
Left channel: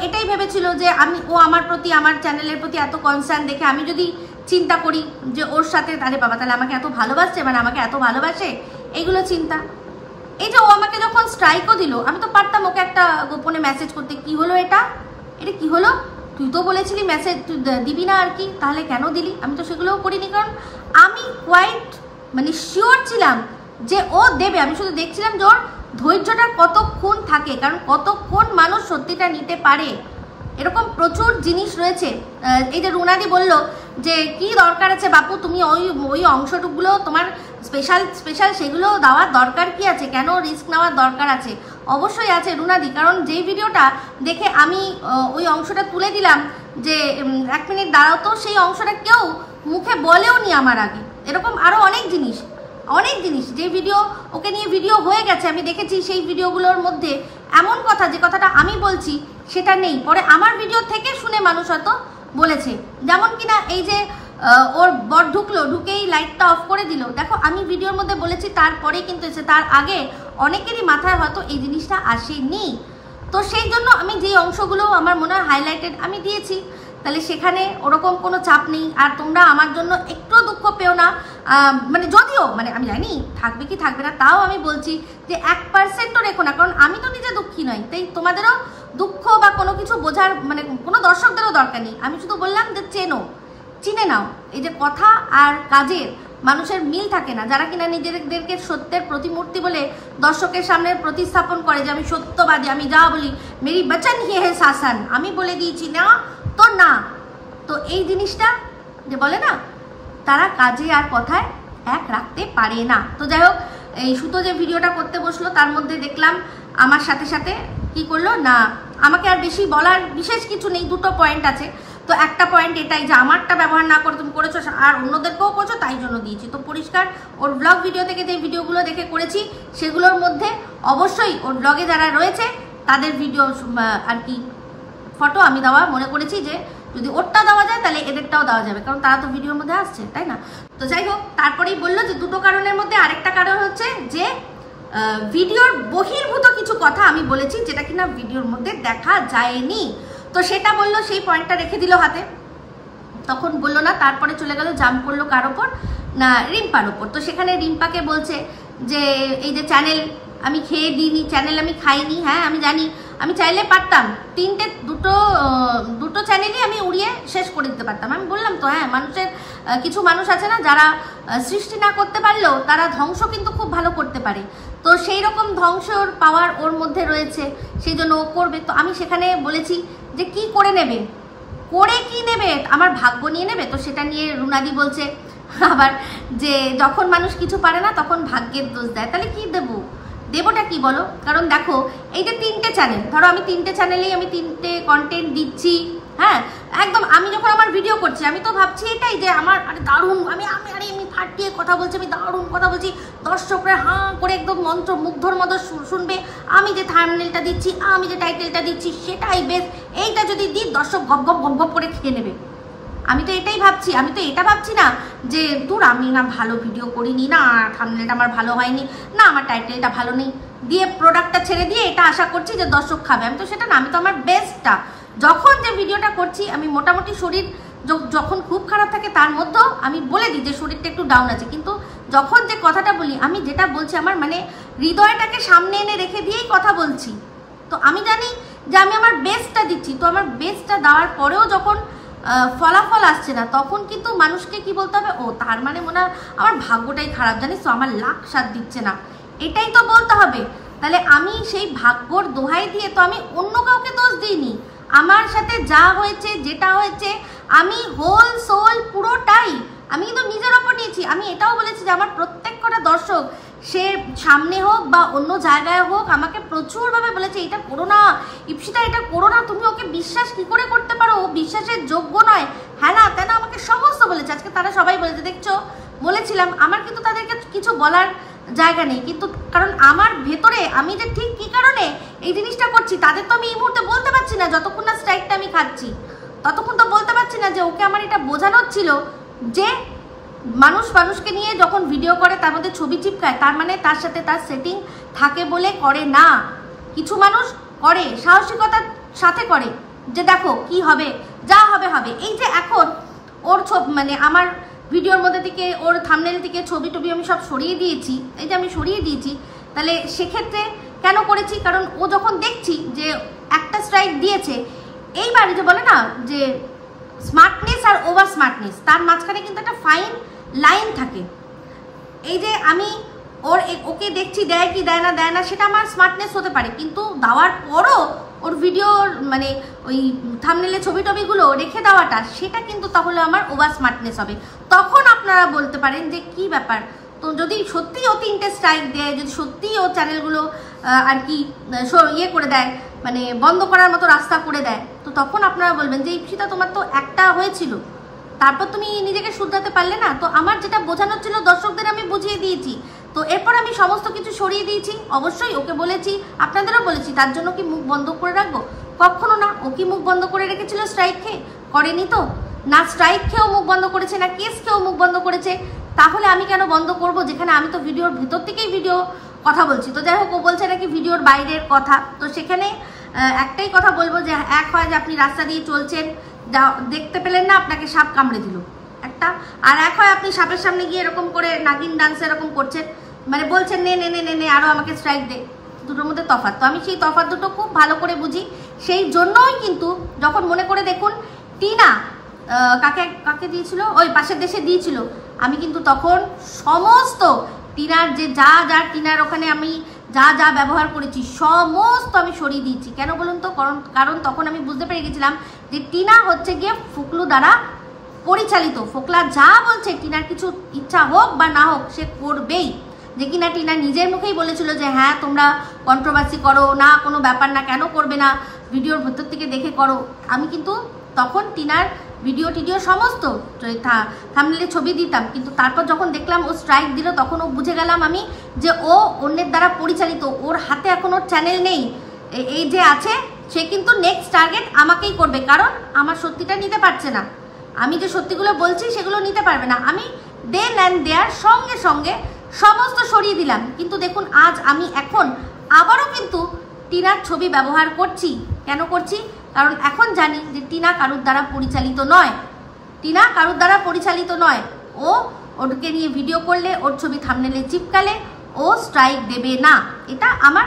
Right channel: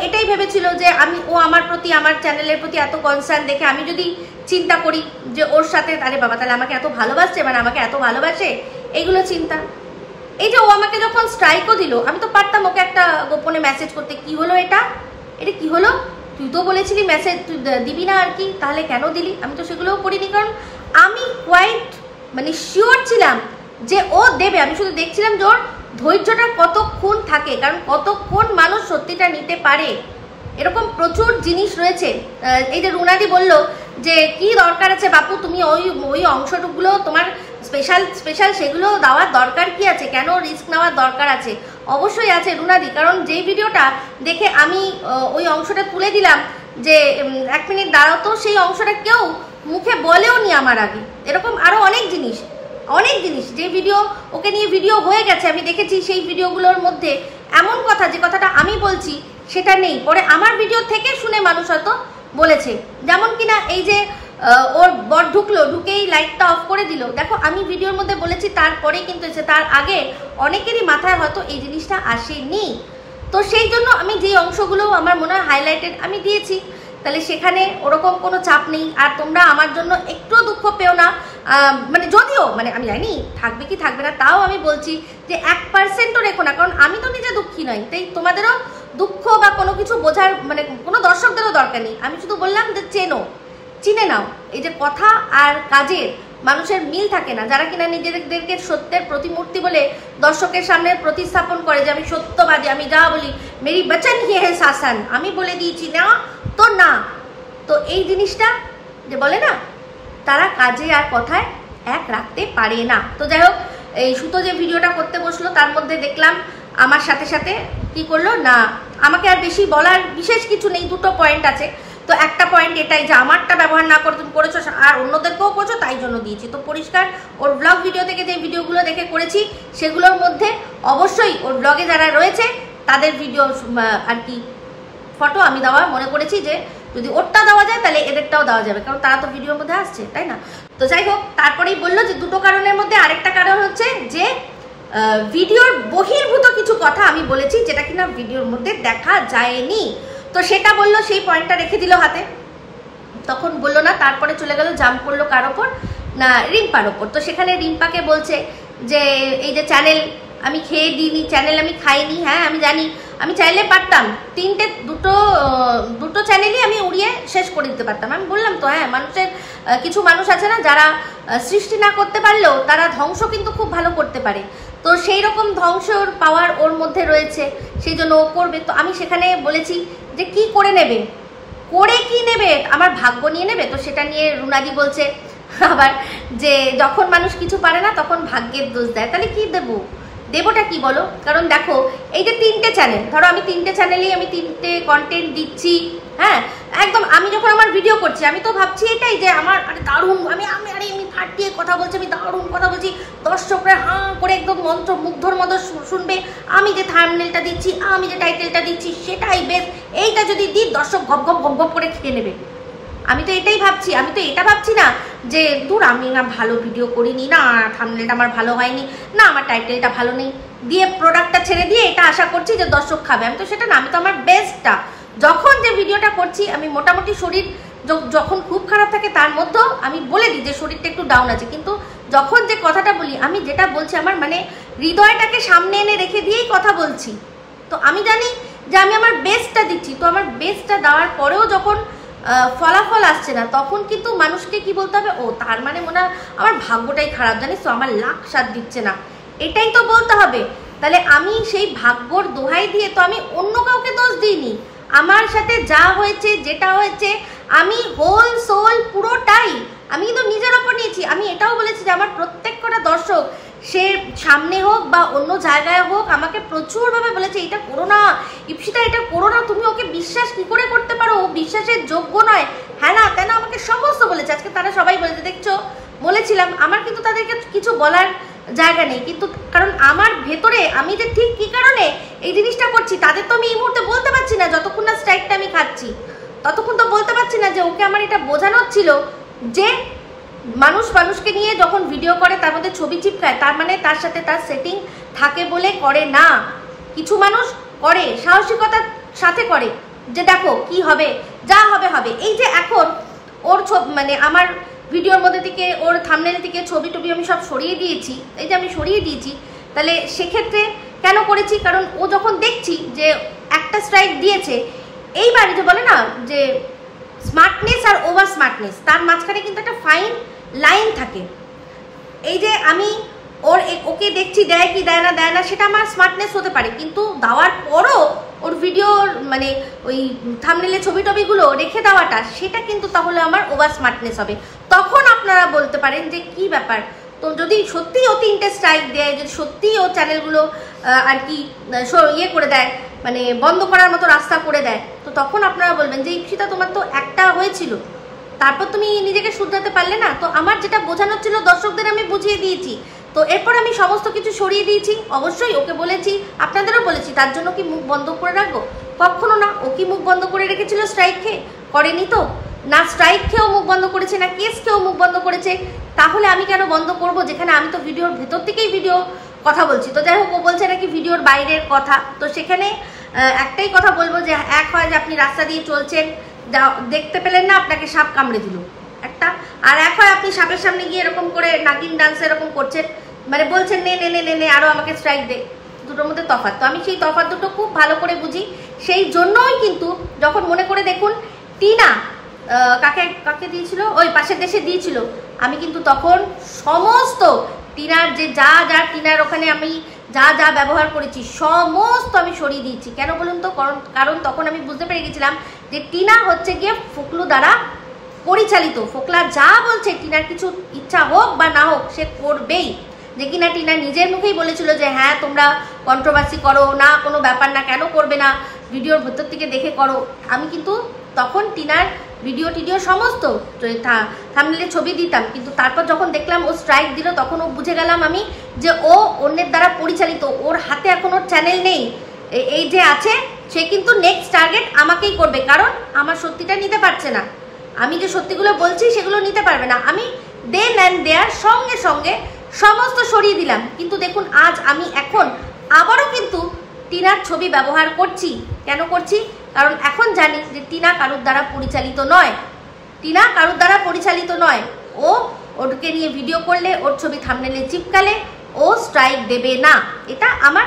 এটাই ভেবেছিল যে ও আমার প্রতি, আমার চ্যানেলের প্রতি এত কনসার্ন দেখে আমি যদি চিন্তা করি যে ওর সাথে, আরে বাবা তাহলে আমাকে এত ভালোবাসছে, মানে আমাকে এত ভালোবাসে, এইগুলো চিন্তা। এই যে ও আমাকে যখন স্ট্রাইকও দিল, আমি তো পারতাম ওকে একটা গোপনে মেসেজ করতে, কি হলো এটা কি হলো, তুই তো বলেছিলি মেসেজ তুই দিবি না আর কি, তাহলে কেন দিলি? আমি তো সেগুলোও করিনি, কারণ আমি কোয়াইট মানে শিওর ছিলাম যে ও দেবে। আমি শুধু দেখছিলাম যে ওর ধৈর্যটা কতক্ষণ থাকে, কারণ কতক্ষণ মানুষ সত্যিটা নিতে পারে। এরকম প্রচুর জিনিস রয়েছে। এই যে রুনাদি বলল যে কি দরকার আছে বাপু, তুমি ওই অংশটুকুলো তোমার স্পেশাল সেগুলো দেওয়ার দরকার কি আছে, কেন রিস্ক নেওয়ার দরকার আছে? অবশ্যই আছে রুনাদি, কারণ যেই ভিডিওটা দেখে আমি ওই অংশটা তুলে দিলাম যে 1 মিনিট দাঁড়াও, তো সেই অংশটা কেউ মুখে বলেও নি আমার আগে। এরকম আরো অনেক জিনিস যে ভিডিও ওকে নিয়ে ভিডিও হয়ে গেছে, আমি দেখেছি সেই ভিডিওগুলোর মধ্যে এমন কথা, যে কথাটা আমি বলছি সেটা নেই, পরে আমার ভিডিও থেকে শুনে মানুষ হয়তো বলেছে। যেমন কিনা এই যে ওর বর ঢুকলো, ঢুকেই লাইটটা অফ করে দিল। দেখো আমি ভিডিওর মধ্যে বলেছি, তারপরে কিন্তু এসে তার আগে অনেকেরই মাথায় হয়তো এই জিনিসটা আসেনি। তো সেই জন্য আমি যে অংশগুলো আমার মনে হয় হাইলাইটেড আমি দিয়েছি, তাহলে সেখানে ওরকম কোনো চাপ নেই। আর তোমরা আমার জন্য একটু দুঃখ পেও না, মানে যদিও মানে আমি জানি থাকবে কি থাকবে না, তাও আমি বলছি যে 1%ও রেখো না, কারণ আমি তো নিজে দুঃখী নই, তাই তোমাদেরও দুঃখ বা কোনো কিছু বোঝার মানে কোনো দর্শকদেরও দরকার নেই। আমি শুধু বললাম যে চিনে নাও, এই যে কথা আর কাজের মানুষের মিল থাকে না, যারা কিনা নিজেদেরকে সত্যের প্রতিমূর্তি বলে দর্শকের সামনে প্রতিস্থাপন করে যে আমি সত্যবাদী, আমি যা বলি মেরি বচন হি হে শাসন, আমি বলে দিয়েছি না তো না। তো এই জিনিসটা যে বলে না, তারা কাজে আর কথায় এক রাখতে পারে না। তো যাই হোক, এই সুতো যে ভিডিওটা করতে বসলো তার মধ্যে দেখলাম আমার সাথে সাথে কি করলো না, আমাকে আর বেশি বলার বিশেষ কিছু নেই, দুটো পয়েন্ট আছে। তো একটা পয়েন্ট এটাই যে আমারটা ব্যবহার না করে তুমি করেছো আর অন্যদেরকেও করছো, তাই জন্য দিয়েছি। তো পরিষ্কার ওর ব্লগ ভিডিও থেকে যে ভিডিওগুলো দেখে করেছি সেগুলোর মধ্যে অবশ্যই ওর ব্লগে যারা রয়েছে তাদের ভিডিও আর কি ফটো আমি দেওয়া মনে করেছি, যে যদি ওরটা দেওয়া যায় তাহলে এদেরটাও দেওয়া যাবে, কারণ তারা তো ভিডিওর মধ্যে আসছে, তাই না? তো যাই হোক, তারপরেই বললো যে দুটো কারণের মধ্যে আরেকটা কারণ হচ্ছে যে ভিডিওর বহির্ভূত কিছু কথা আমি বলেছি যেটা কিনা ভিডিওর মধ্যে দেখা যায়নি। তো সেটা বললো, সেই পয়েন্টটা রেখে দিল হাতে, তখন বললো না। তারপরে চলে গেল জাম্প করলো কার ওপর না, রিম্পার ওপর। তো সেখানে রিম্পাকে বলছে যে এই যে চ্যানেল আমি খেয়ে দিইনি, চ্যানেল আমি খাইনি। হ্যাঁ আমি জানি, আমি চাইলে পারতাম দুটো চ্যানেলই আমি উড়িয়ে শেষ করে দিতে পারতাম। আমি বললাম তো, হ্যাঁ মানুষের কিছু মানুষ আছে না যারা সৃষ্টি না করতে পারলেও তারা ধ্বংস কিন্তু খুব ভালো করতে পারে। তো সেই রকম ধ্বংসর পাওয়ার ওর মধ্যে রয়েছে, সেই জন্য ও করবে। তো আমি সেখানে বলেছি যে কি করে নেবে, করে কি নেবে, আমার ভাগ্য নিয়ে নেবে। তো সেটা নিয়ে রুনাদি বলছে আবার যে যখন মানুষ কিছু পারে না তখন ভাগ্যের দোষ দেয়। তাহলে কি দেবটা কি বলো? কারণ দেখো এই যে 3টে চ্যানেল, ধরো আমি 3টে চ্যানেলেই আমি 3টে কন্টেন্ট দিচ্ছি, হ্যাঁ একদম। আমি যখন আমার ভিডিও করছি আমি তো ভাবছি এটাই যে আমার আরে দারুণ, আমি ফাটিয়ে কথা বলছি, আমি দারুণ কথা বলছি, দর্শকরা হাঁ করে একদম মন্ত্র মুগ্ধর মতো শুনবে। আমি যে থাম্বনেলটা দিচ্ছি, আমি যে টাইটেলটা দিচ্ছি সেটাই বেশ, এইটা যদি দিই দর্শক গপ গপ গপ গপ করে খেয়ে নেবে। আমি তো এটাই ভাবছি, আমি তো এটা ভাবছি না যে দূর আমি না ভালো ভিডিও করিনি, না থাম্বনেলটা আমার ভালো হয়নি, না আমার টাইটেলটা ভালো নেই, দিয়ে প্রোডাক্টটা ছেড়ে দিয়ে এটা আশা করছি যে দর্শক খাবে। আমি তো সেটা না, আমি তো আমার বেস্টটা যখন যে ভিডিওটা করছি, আমি মোটামুটি শরীর যখন খুব খারাপ থাকে তার মধ্যেও আমি বলে দিই যে শরীরটা একটু ডাউন আছে, কিন্তু যখন যে কথাটা বলি আমি যেটা বলছি আমার মানে হৃদয়টাকে সামনে এনে রেখে দিয়েই কথা বলছি। তো আমি জানি যে আমি আমার বেস্টটা দিচ্ছি। তো আমার বেস্টটা দেওয়ার পরেও যখন ফলাফল আসছে না, তখন কিন্তু মানুষকে কি বলতে হবে, ও তার মানে মনে হয় আমার ভাগ্যটাই খারাপ, জানিস তো আমার লাখ সাথ দিচ্ছে না, এটাই তো বলতে হবে। তাহলে আমি সেই ভাগ্যর দোহাই দিয়ে তো আমি অন্য কাউকে দোষ দিইনি, আমার সাথে যা হয়েছে যেটা হয়েছে আমি হোল সোল পুরোটাই আমি কিন্তু নিজের ওপর নিয়েছি। আমি এটাও বলেছি যে আমার প্রত্যেক কটা দর্শক সে সামনে হোক বা অন্য জায়গায় হোক আমাকে প্রচুরভাবে বলেছে এটা করো না ইপসিতা, এটা করো না, তুমি ওকে বিশ্বাস কি করে করতে পারো, ও বিশ্বাসের যোগ্য নয়, হ্যাঁ না কেন আমাকে সমস্ত বলেছে। আজকে তারা সবাই বলেছে, দেখছো বলেছিলাম, আমার কিন্তু তাদেরকে কিছু বলার জায়গা নেই, কিন্তু কারণ আমার ভেতরে আমি যে ঠিক কি কারণে এই জিনিসটা করছি তাদের তো আমি এই মুহূর্তে বলতে পারছি না। যতক্ষণ না স্ট্রাইকটা আমি খাচ্ছি ততক্ষণ তো বলতে পারছি না যে ওকে আমার এটা বোঝানো ছিল যে মানুষকে নিয়ে যখন ভিডিও করে তার মধ্যে ছবি চিপকায়, তার মানে তার সাথে তার সেটিং থাকে বলে করে না। কিছু মানুষ করে সাহসিকতার সাথে করে যে দেখো কি হবে, যা হবে হবে। এই যে এখন ওর মানে আমার ভিডিওর মধ্যে থেকে ওর থাম্বনেল থেকে ছবি টবি আমি সব সরিয়ে দিয়েছি, এই যে আমি সরিয়ে দিয়েছি, তাহলে সেক্ষেত্রে কেন করেছি, কারণ ও যখন দেখছি যে একটা স্ট্রাইক দিয়েছে, এইবার যে বলে না যে স্মার্টনেস আর ওভার স্মার্টনেস, তার মাঝখানে কিন্তু একটা ফাইন লাইন থাকে। এই যে আমি ওকে দেখছি দেয় কি দেয় না সেটা আমার স্মার্টনেস হতে পারে, কিন্তু দেওয়ার পরও ওর ভিডিওর মানে ওই থাম্বনেলে ছবি টবিগুলো রেখে দেওয়াটা সেটা কিন্তু তাহলে আমার ওভার স্মার্টনেস হবে। তখন আপনারা বলতে পারেন যে কি ব্যাপার। তো যদি সত্যি ও 3টে স্ট্রাইক দেয়, যদি সত্যি ও চ্যানেলগুলো আর কি ইয়ে করে দেয়, মানে বন্ধ করার মতো রাস্তা করে দেয়, তো তখন আপনারা বলবেন যে ইপসিতা তোমার তো একটা হয়েছিল, তারপর তুমি নিজেকে শুধরাতে পারলে না। তো আমার যেটা বোঝানোর ছিল দর্শকদের আমি বুঝিয়ে দিয়েছি, তো এরপর আমি সমস্ত কিছু সরিয়ে দিয়েছি। অবশ্যই ওকে বলেছি, আপনাদেরও বলেছি, তার জন্য কি মুখ বন্ধ করে রাখবো? কখনো না। ও কি মুখ বন্ধ করে রেখেছিল স্ট্রাইক খেয়ে? করেনি তো। না স্ট্রাইক খেয়েও মুখ বন্ধ করেছে, না কেস খেয়েও মুখ বন্ধ করেছে, তাহলে আমি কেন বন্ধ করব, যেখানে আমি তো ভিডিওর ভেতর থেকেই ভিডিও কথা বলছি। তো যাই হোক, ও বলছে নাকি ভিডিওর বাইরের কথা। তো সেখানে একটাই কথা বলবো যে এক হয় যে আপনি রাস্তা দিয়ে চলছেন, দেখতে পেলেন না, আপনাকে সাপ কামড়ে দিল একটা, আর এক হয় আপনি সাপের সামনে গিয়ে এরকম করে নাগিন ডান্স এরকম করছেন, মানে বলছেন নে নে নে নে নে আরো আমাকে স্ট্রাইক দে। দুটোর মধ্যে তফাৎ। তো আমি সেই তফাৎ দুটো খুব ভালো করে বুঝি। সেই জন্যই কিন্তু যখন মনে করে দেখুন টিনা কাকে কাকে দিয়েছিল, ওই পাশের দেশে দিয়েছিল, আমি কিন্তু তখন সমস্ত টিনার যে যা যা টিনার ওখানে আমি যা যা ব্যবহার করেছি সমস্ত আমি সরিয়ে দিয়েছি। কেন বলুন তো? কারণ তখন আমি বুঝতে পেরে গেছিলাম যে টিনা হচ্ছে গিয়ে ফোকলু দ্বারা পরিচালিত। ফোকলা যা বলছে, টিনার কিছু ইচ্ছা হোক বা না হোক সে করবেই। যে কিনা টিনা নিজের মুখেই বলেছিল যে হ্যাঁ তোমরা কন্ট্রোভার্সি করো না, কোনো ব্যাপার না, কেন করবে না, ভিডিওর ভেতর থেকে দেখে করো। আমি কিন্তু তখন টিনার ভিডিও টিডিও সমস্ত থাম্বনেলে ছবি দিতাম, কিন্তু তারপর যখন দেখলাম ও স্ট্রাইক দিল তখন ও বুঝে গেলাম আমি যে ও অন্যের দ্বারা পরিচালিত, ওর হাতে এখন ওর চ্যানেল নেই। এই যে আছে সে কিন্তু নেক্সট টার্গেট আমাকেই করবে, কারণ আমার সত্যিটা নিতে পারছে না। আমি যে সত্যিগুলো বলছি সেগুলো নিতে পারবে না। আমি দেন অ্যান্ড দেয়ার সঙ্গে সঙ্গে সমস্ত সরিয়ে দিলাম। কিন্তু দেখুন আজ আমি এখন আবারও কিন্তু টিনার ছবি ব্যবহার করছি। কেন করছি? কারণ এখন জানি যে টিনা কারুর দ্বারা পরিচালিত নয়, টিনা কারুর দ্বারা পরিচালিত নয়। ও ওকে নিয়ে ভিডিও করলে, ওর ছবি থাম্বনেলে চিপকালে ও স্ট্রাইক দেবে না, এটা আমার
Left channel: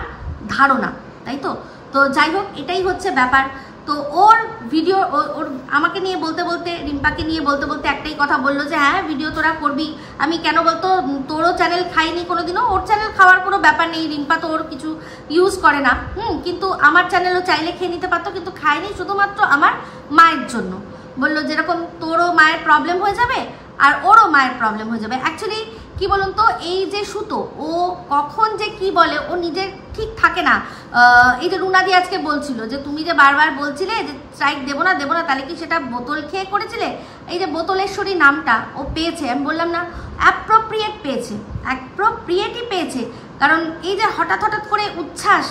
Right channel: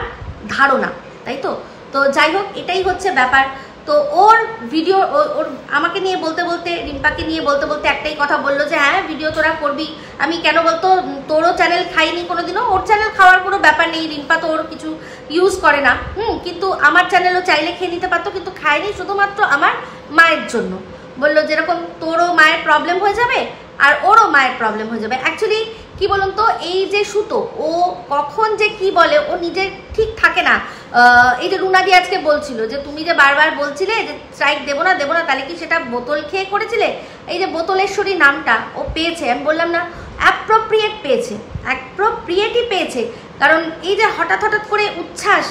ধারণা, তাই তো? তো যাই হোক, এটাই হচ্ছে ব্যাপার। তো ওর ভিডিও ওর আমাকে নিয়ে বলতে বলতে, রিম্পাকে নিয়ে বলতে বলতে একটাই কথা বললো যে হ্যাঁ ভিডিও তোরা করবি। আমি কেন বলতো, তোরও চ্যানেল খাইনি কোনোদিনও, ওর চ্যানেল খাওয়ার কোনো ব্যাপার নেই, রিম্পা তো ওর কিছু ইউজ করে না। কিন্তু আমার চ্যানেলও চাইলে খেয়ে নিতে পারতো, কিন্তু খায়নি শুধুমাত্র আমার মায়ের জন্য। বললো যেরকম তোরও মায়ের প্রবলেম হয়ে যাবে আর ওরও মায়ের প্রবলেম হয়ে যাবে। অ্যাকচুয়ালি কি বলুন তো, এই যে সুতো ও কখন যে কি বলে ও নিজের ঠিক থাকে না। এই যে রুনাদি আজকে বলছিল যে তুমি যে বারবার বলছিলে যে স্ট্রাইক দেবো না দেবো না, তাহলে কি সেটা বোতল খেয়ে করেছিলে? এই যে বোতলেশ্বরী নামটা ও পেয়েছে, আমি বললাম না অ্যাপ্রোপ্রিয়েট পেয়েছে, অ্যাপ্রোপ্রিয়েটই পেয়েছে। কারণ এই যে হঠাৎ হঠাৎ করে উচ্ছ্বাস,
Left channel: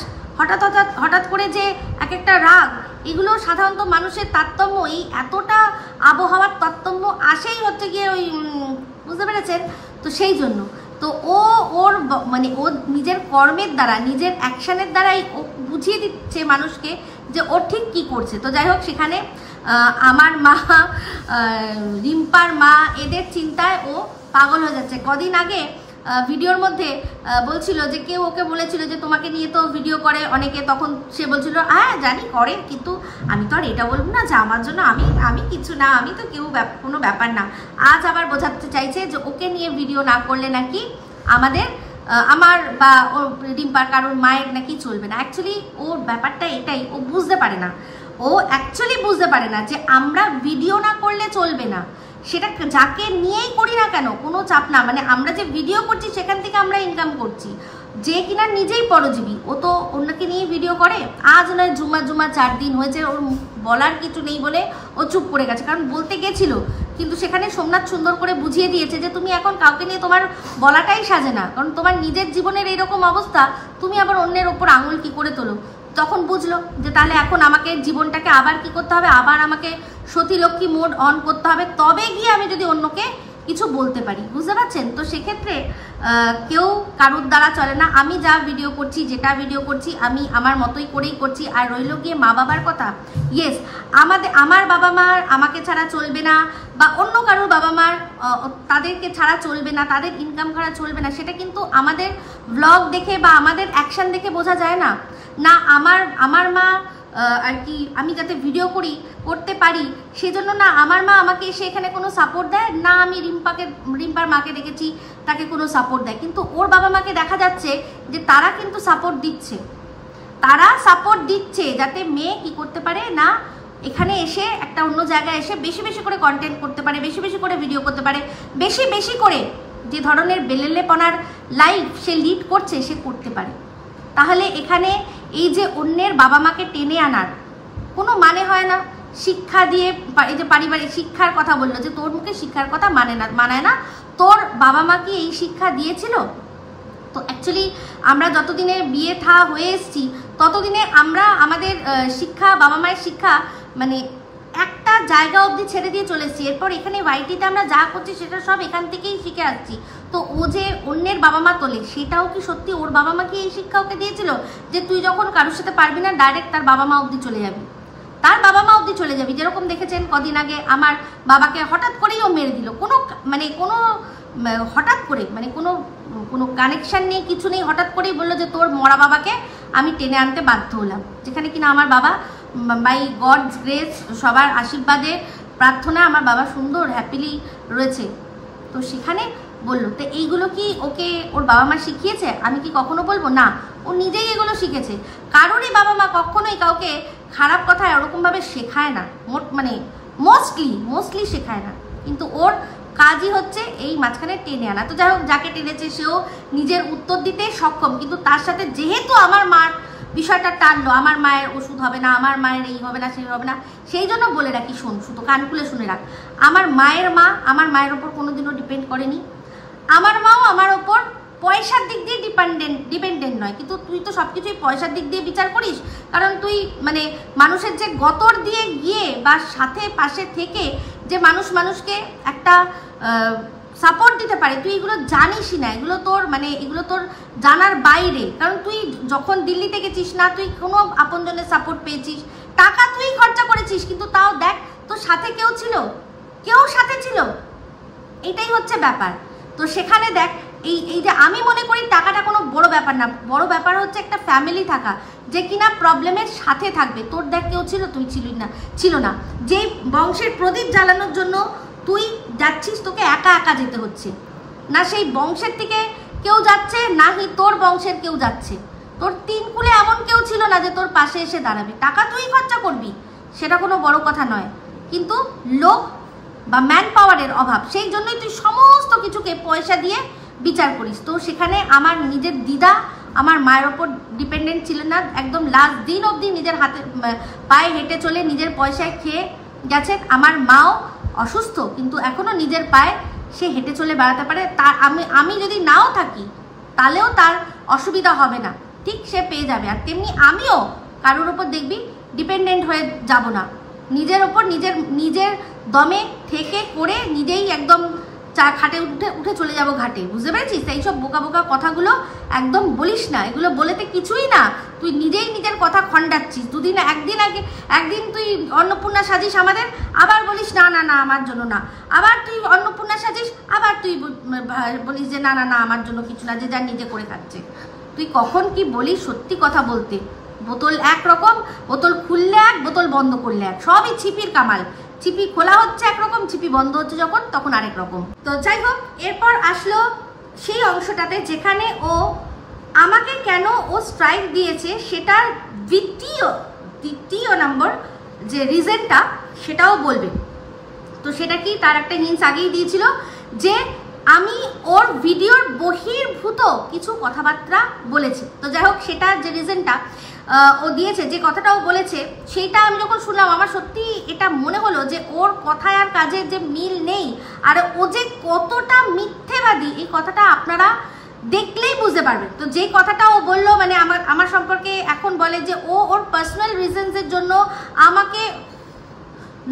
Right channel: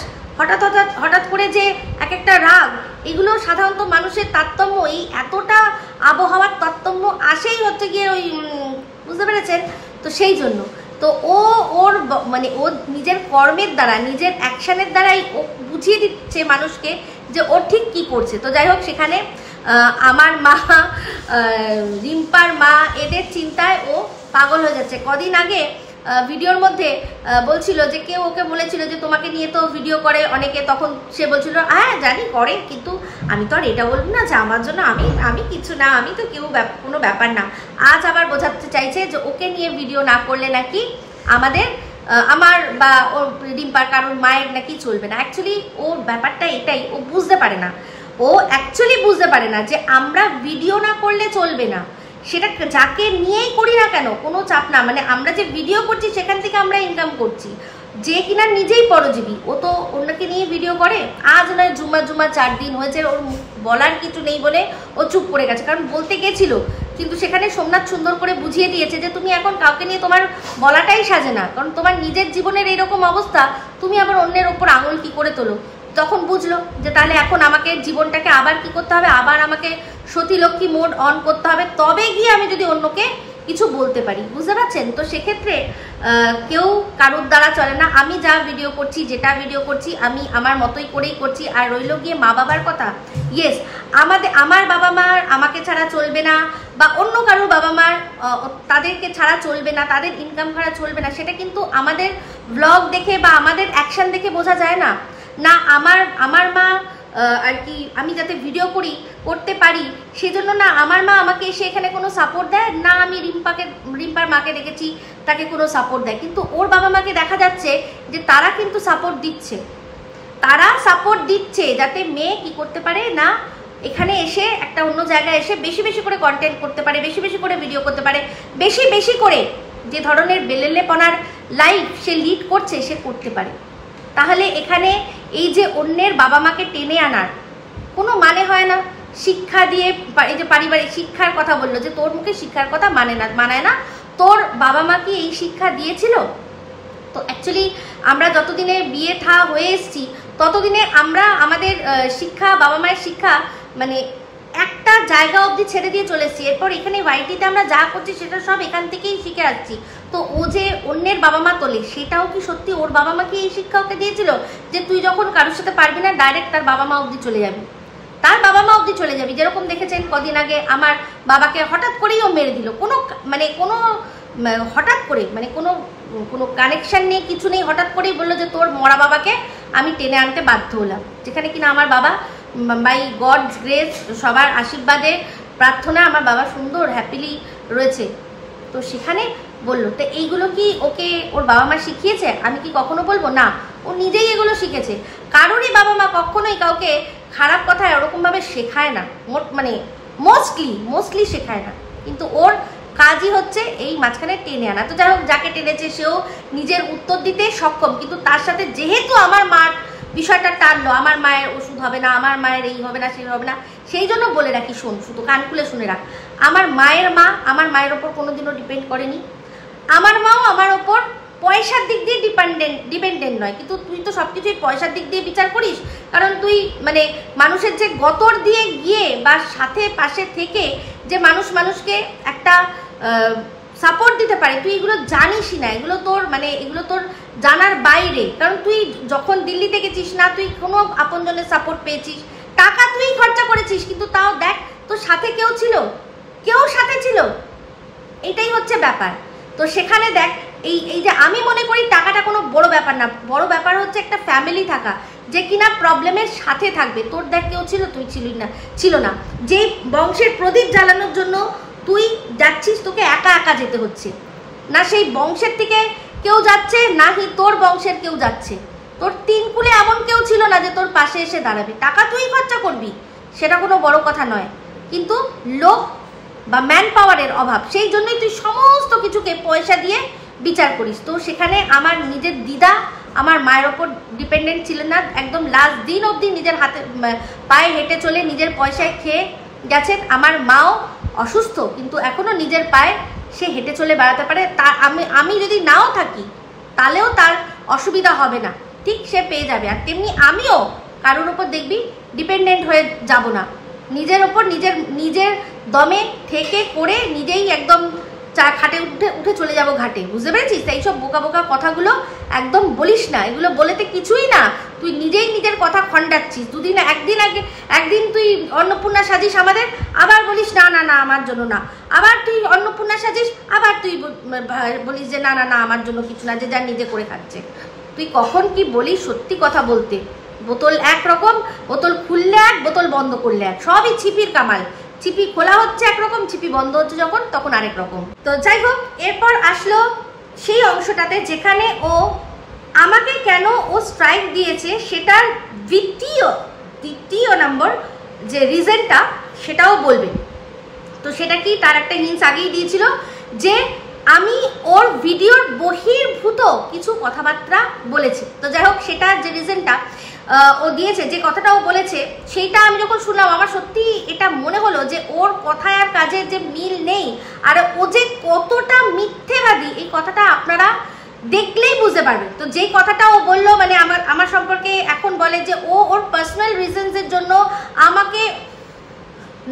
হঠাৎ করে যে এক একটা রাগ, এগুলো সাধারণত মানুষের তারতম্য, এই এতটা আবহাওয়ার তারতম্য আসেই হচ্ছে গিয়ে ওই, বুঝতে পেরেছেন? তো সেই জন্য তো ওর মানে ও নিজের কর্মের দ্বারা, নিজের অ্যাকশনের দ্বারাই ও বুঝিয়ে দিচ্ছে মানুষকে যে ও ঠিক কি করছে। তো যাই হোক, সেখানে আমার মা, রিম্পার মা, এদের চিন্তায় ও পাগল হয়ে যাচ্ছে। কদিন আগে ভিডিওর মধ্যে বলছিল যে কেউ ওকে বলেছিল যে তোমাকে নিয়ে তো ভিডিও করে অনেকে, তখন সে বলছিল হ্যাঁ জানি করে, কিন্তু আমি তো আর এটা বলবো না যে আমার জন্য আমি কিছু না, আমি তো কেউ কোনো ব্যাপার না। আজ আবার বোঝাতে চাইছে যে ওকে নিয়ে ভিডিও না করলে নাকি আমার বা ওর রিম্পার কারোর মায়ের নাকি চলবে না। অ্যাকচুয়ালি ওর ব্যাপারটা এটাই, ও বুঝতে পারে না, ও অ্যাকচুয়ালি বুঝতে পারে না যে আমরা ভিডিও না করলে চলবে না। সেটা যাকে নিয়েই করি না কেন কোনো চাপ না, মানে আমরা যে ভিডিও করছি সেখান থেকে আমরা ইনকাম করছি। যে কিনা নিজেই পরজীবী, ও তো অন্যকে নিয়ে ভিডিও করে। আজ নয় জুমা 4 দিন হয়েছে, ওর বলার কিছু নেই বলে ও চুপ করে গেছে, কারণ বলতে গেছিল, কিন্তু সেখানে সোমনাথ সুন্দর করে বুঝিয়ে দিয়েছে যে তুমি এখন কাউকে নিয়ে তোমার বলাটাই সাজে না, কারণ তোমার নিজের জীবনের এইরকম অবস্থা, তুমি আবার অন্যের ওপর আঙুল কি করে তোলো। তখন বুঝলো যে তাহলে এখন আমাকে জীবনটাকে আবার কি করতে হবে, আবার আমাকে সতীলক্ষ্মী মোড অন করতে হবে, তবে গিয়ে আমি যদি অন্যকে কিছু বলতে পারি, বুঝতে পারছেন? তো সেক্ষেত্রে কেউ কারোর দ্বারা চলে না। আমি যা ভিডিও করছি, যেটা ভিডিও করছি, আমি আমার মতোই করেই করছি। আর রইল গিয়ে মা বাবার কথা, ইয়েস, আমার বাবা মার আমাকে ছাড়া চলবে না, বা অন্য কারোর বাবা মার তাদেরকে ছাড়া চলবে না, তাদের ইনকাম ছাড়া চলবে না, সেটা কিন্তু আমাদের ব্লগ দেখে বা আমাদের অ্যাকশন দেখে বোঝা যায় না। না আমার মা আর কি, আমি যাতে ভিডিও করতে পারি সেজন্য না আমার মা আমাকে এসে এখানে কোনো সাপোর্ট দেয় না, আমি রিম্পার মাকে দেখেছি তাকে কোনো সাপোর্ট দেয়, কিন্তু ওর বাবা মাকে দেখা যাচ্ছে যে তারা কিন্তু সাপোর্ট দিচ্ছে, যাতে মেয়ে কি করতে পারে না, এখানে এসে একটা অন্য জায়গায় এসে বেশি বেশি করে কন্টেন্ট করতে পারে, বেশি বেশি করে ভিডিও করতে পারে, বেশি বেশি করে যে ধরনের বেলেলেপনার লাইফ সে লিড করছে সে করতে পারে। তাহলে এখানে এই যে অন্যের বাবা মাকে টেনে আনার কোনো মানে হয় না। শিক্ষা দিয়ে, এই যে পারিবারিক শিক্ষার কথা বললো যে তোর মুখে শিক্ষার কথা মানায় না, তোর বাবা মা কি এই শিক্ষা দিয়েছিল? তো অ্যাকচুয়ালি আমরা যতদিনে বিয়ে থা হয়ে এসছি ততদিনে আমরা আমাদের শিক্ষা, বাবা মায়ের শিক্ষা মানে একটা জায়গা অবধি ছেড়ে দিয়ে চলে এসেছি। এরপর এখানে ওয়াইটিতে আমরা যা করছি সেটা সব এখান থেকেই শিখে আসছি। তো ও যে অন্যের বাবা মা তোলে, সেটাও কি সত্যি ওর বাবা মা কি এই শিক্ষা ওকে দিয়েছিল যে তুই যখন কারোর সাথে পারবি না ডাইরেক্ট তার বাবা মা অবধি চলে যাবি, তার বাবা মা অবধি চলে যাবি? যেরকম দেখেছেন কদিন আগে আমার বাবাকে হঠাৎ করেই ও মেরে দিল, কোনো হঠাৎ করে কোনো কানেকশন নেই, কিছু নেই, হঠাৎ করেই বললো যে তোর মরা বাবাকে আমি টেনে আনতে বাধ্য হলাম। যেখানে কিনা আমার বাবা বাই গডস গ্রেস, সবার আশীর্বাদে প্রার্থনা আমার বাবা সুন্দর হ্যাপিলি রয়েছে। তো সেখানে বললো, তো এইগুলো কি ওকে ওর বাবা মা শিখিয়েছে? আমি কি কখনো বলবো না, ও নিজেই এগুলো শিখেছে। কারোরই বাবা মা কখনোই কাউকে খারাপ কথা ওরকম ভাবে শেখায় না, মোস্টলি শেখায় না, কিন্তু ওর কাজই হচ্ছে এই মাঝখানে টেনে আনা। তো যাই হোক, যাকে টেনেছে সেও নিজের উত্তর দিতে সক্ষম, কিন্তু তার সাথে যেহেতু আমার মার বিষয়টা টানলো, আমার মায়ের ওষুধ হবে না, আমার মায়ের এই হবে না, সেই হবে না, সেই জন্য বলে রাখি, শোন, শুধু কান খুলে শুনে রাখ, আমার মায়ের মা আমার মায়ের ওপর কোনোদিনও ডিপেন্ড করেনি, আমার মাও আমার ওপর পয়সার দিক দিয়ে ডিপেন্ডেন্ট নয়। কিন্তু তুই তো সবকিছুই পয়সার দিক দিয়ে বিচার করিস, কারণ তুই মানুষের যে গতর দিয়ে গিয়ে বা সাথে পাশে থেকে যে মানুষকে একটা সাপোর্ট দিতে পারে, তুই এগুলো জানিসই না, এগুলো তোর জানার বাইরে। কারণ তুই যখন দিল্লিতে গেছিস না, তুই কোনো আপনজনের সাপোর্ট পেয়েছিস, টাকা তুই খরচা করেছিস, কিন্তু তাও দেখ তোর সাথে কেউ সাথে ছিল, এটাই হচ্ছে ব্যাপার। তো সেখানে দেখ, এই যে আমি মনে করি টাকাটা কোনো বড় ব্যাপার না, বড় ব্যাপার হচ্ছে একটা ফ্যামিলি থাকা, যে কিনা প্রবলেমের সাথে থাকবে। তোর দেখ কেউ ছিল, তুই ছিল না, যে বংশের প্রদীপ জ্বালানোর জন্য তুই যাচ্ছিস, তোকে একা একা যেতে হচ্ছে না, সেই বংশের থেকে কেউ যাচ্ছে না, তোর বংশের কেউ যাচ্ছে, তোর তিন কুলে এমন কেউ ছিল না যে তোর পাশে এসে দাঁড়াবে। টাকা তুই খরচা করবি, সেটা কোনো বড় কথা নয়, কিন্তু লোক বা ম্যান পাওয়ারের অভাব, সেই জন্যই তুই সমস্ত কিছুকে পয়সা দিয়ে বিচার করিস। তো সেখানে আমার নিজের দিদা আমার মায়ের ওপর ডিপেন্ডেন্ট ছিলেন না, একদম লাস্ট দিন অবধি নিজের হাতে পায়ে হেঁটে চলে নিজের পয়সায় খেয়ে গেছেন। আমার মাও অসুস্থ, কিন্তু এখনো নিজের পায়ে সে হেঁটে চলে বেড়াতে পারে। তা আমি যদি নাও থাকি তাহলেও তার অসুবিধা হবে না, ঠিক সে পেয়ে যাবে। আর তেমনি আমিও কারোর উপর দেখবি ডিপেন্ডেন্ট হয়ে যাব না, নিজের ওপর নিজের দমে থেকে করে নিজেই একদম খাটে উঠে চলে যাব ঘাটে, বুঝতে পেরেছিস? এইসব বোকা বোকা কথাগুলো একদম বলিস না, এগুলো বলেতে কিছুই না, তুই নিজেই নিজের কথা খণ্ডাচ্ছিস। একদিন তুই অন্নপূর্ণা সাজিস আমাদের, আবার বলিস না না না আমার জন্য না, আবার তুই অন্নপূর্ণা সাজিস, আবার তুই বলিস যে না না না আমার জন্য কিছু না, যে যার নিজে করে খাচ্ছে। তুই কখন কি বলিস সত্যি কথা বলতে? বোতল একরকম, বোতল খুললে এক, বোতল বন্ধ করলে এক, সবই ছিপির কামাল। চিপি খোলা হচ্ছে একরকম, চিপি বন্ধ হচ্ছে যখন, তখন আরেক রকম। তো যাই হোক, এরপর আসলো সেই অংশটাতে যেখানে ও আমাকে কেন ও স্ট্রাইক দিয়েছে সেটার দ্বিতীয় নম্বর যে রিজনটা, সেটাও বলবে। তো সেটা কি, তার একটা হিন্স আগেই দিয়েছিল যে আমি ওর ভিডিওর বহির্ভূত কিছু কথাবার্তা বলেছি। তো যাই হোক, সেটা যে রিজনটা ও দিয়েছে, যে কথাটা ও বলেছে, সেইটা আমি যখন শুনলাম আমার সত্যি এটা মনে হলো যে ওর কথায় আর কাজের যে মিল নেই, আর ও যে কতটা মিথ্যেবাদী এই কথাটা আপনারা দেখলেই বুঝতে পারবেন। তো যে কথাটা ও বললো, আমার সম্পর্কে এখন বলে যে ও ওর পার্সোনাল রিজনসের জন্য আমাকে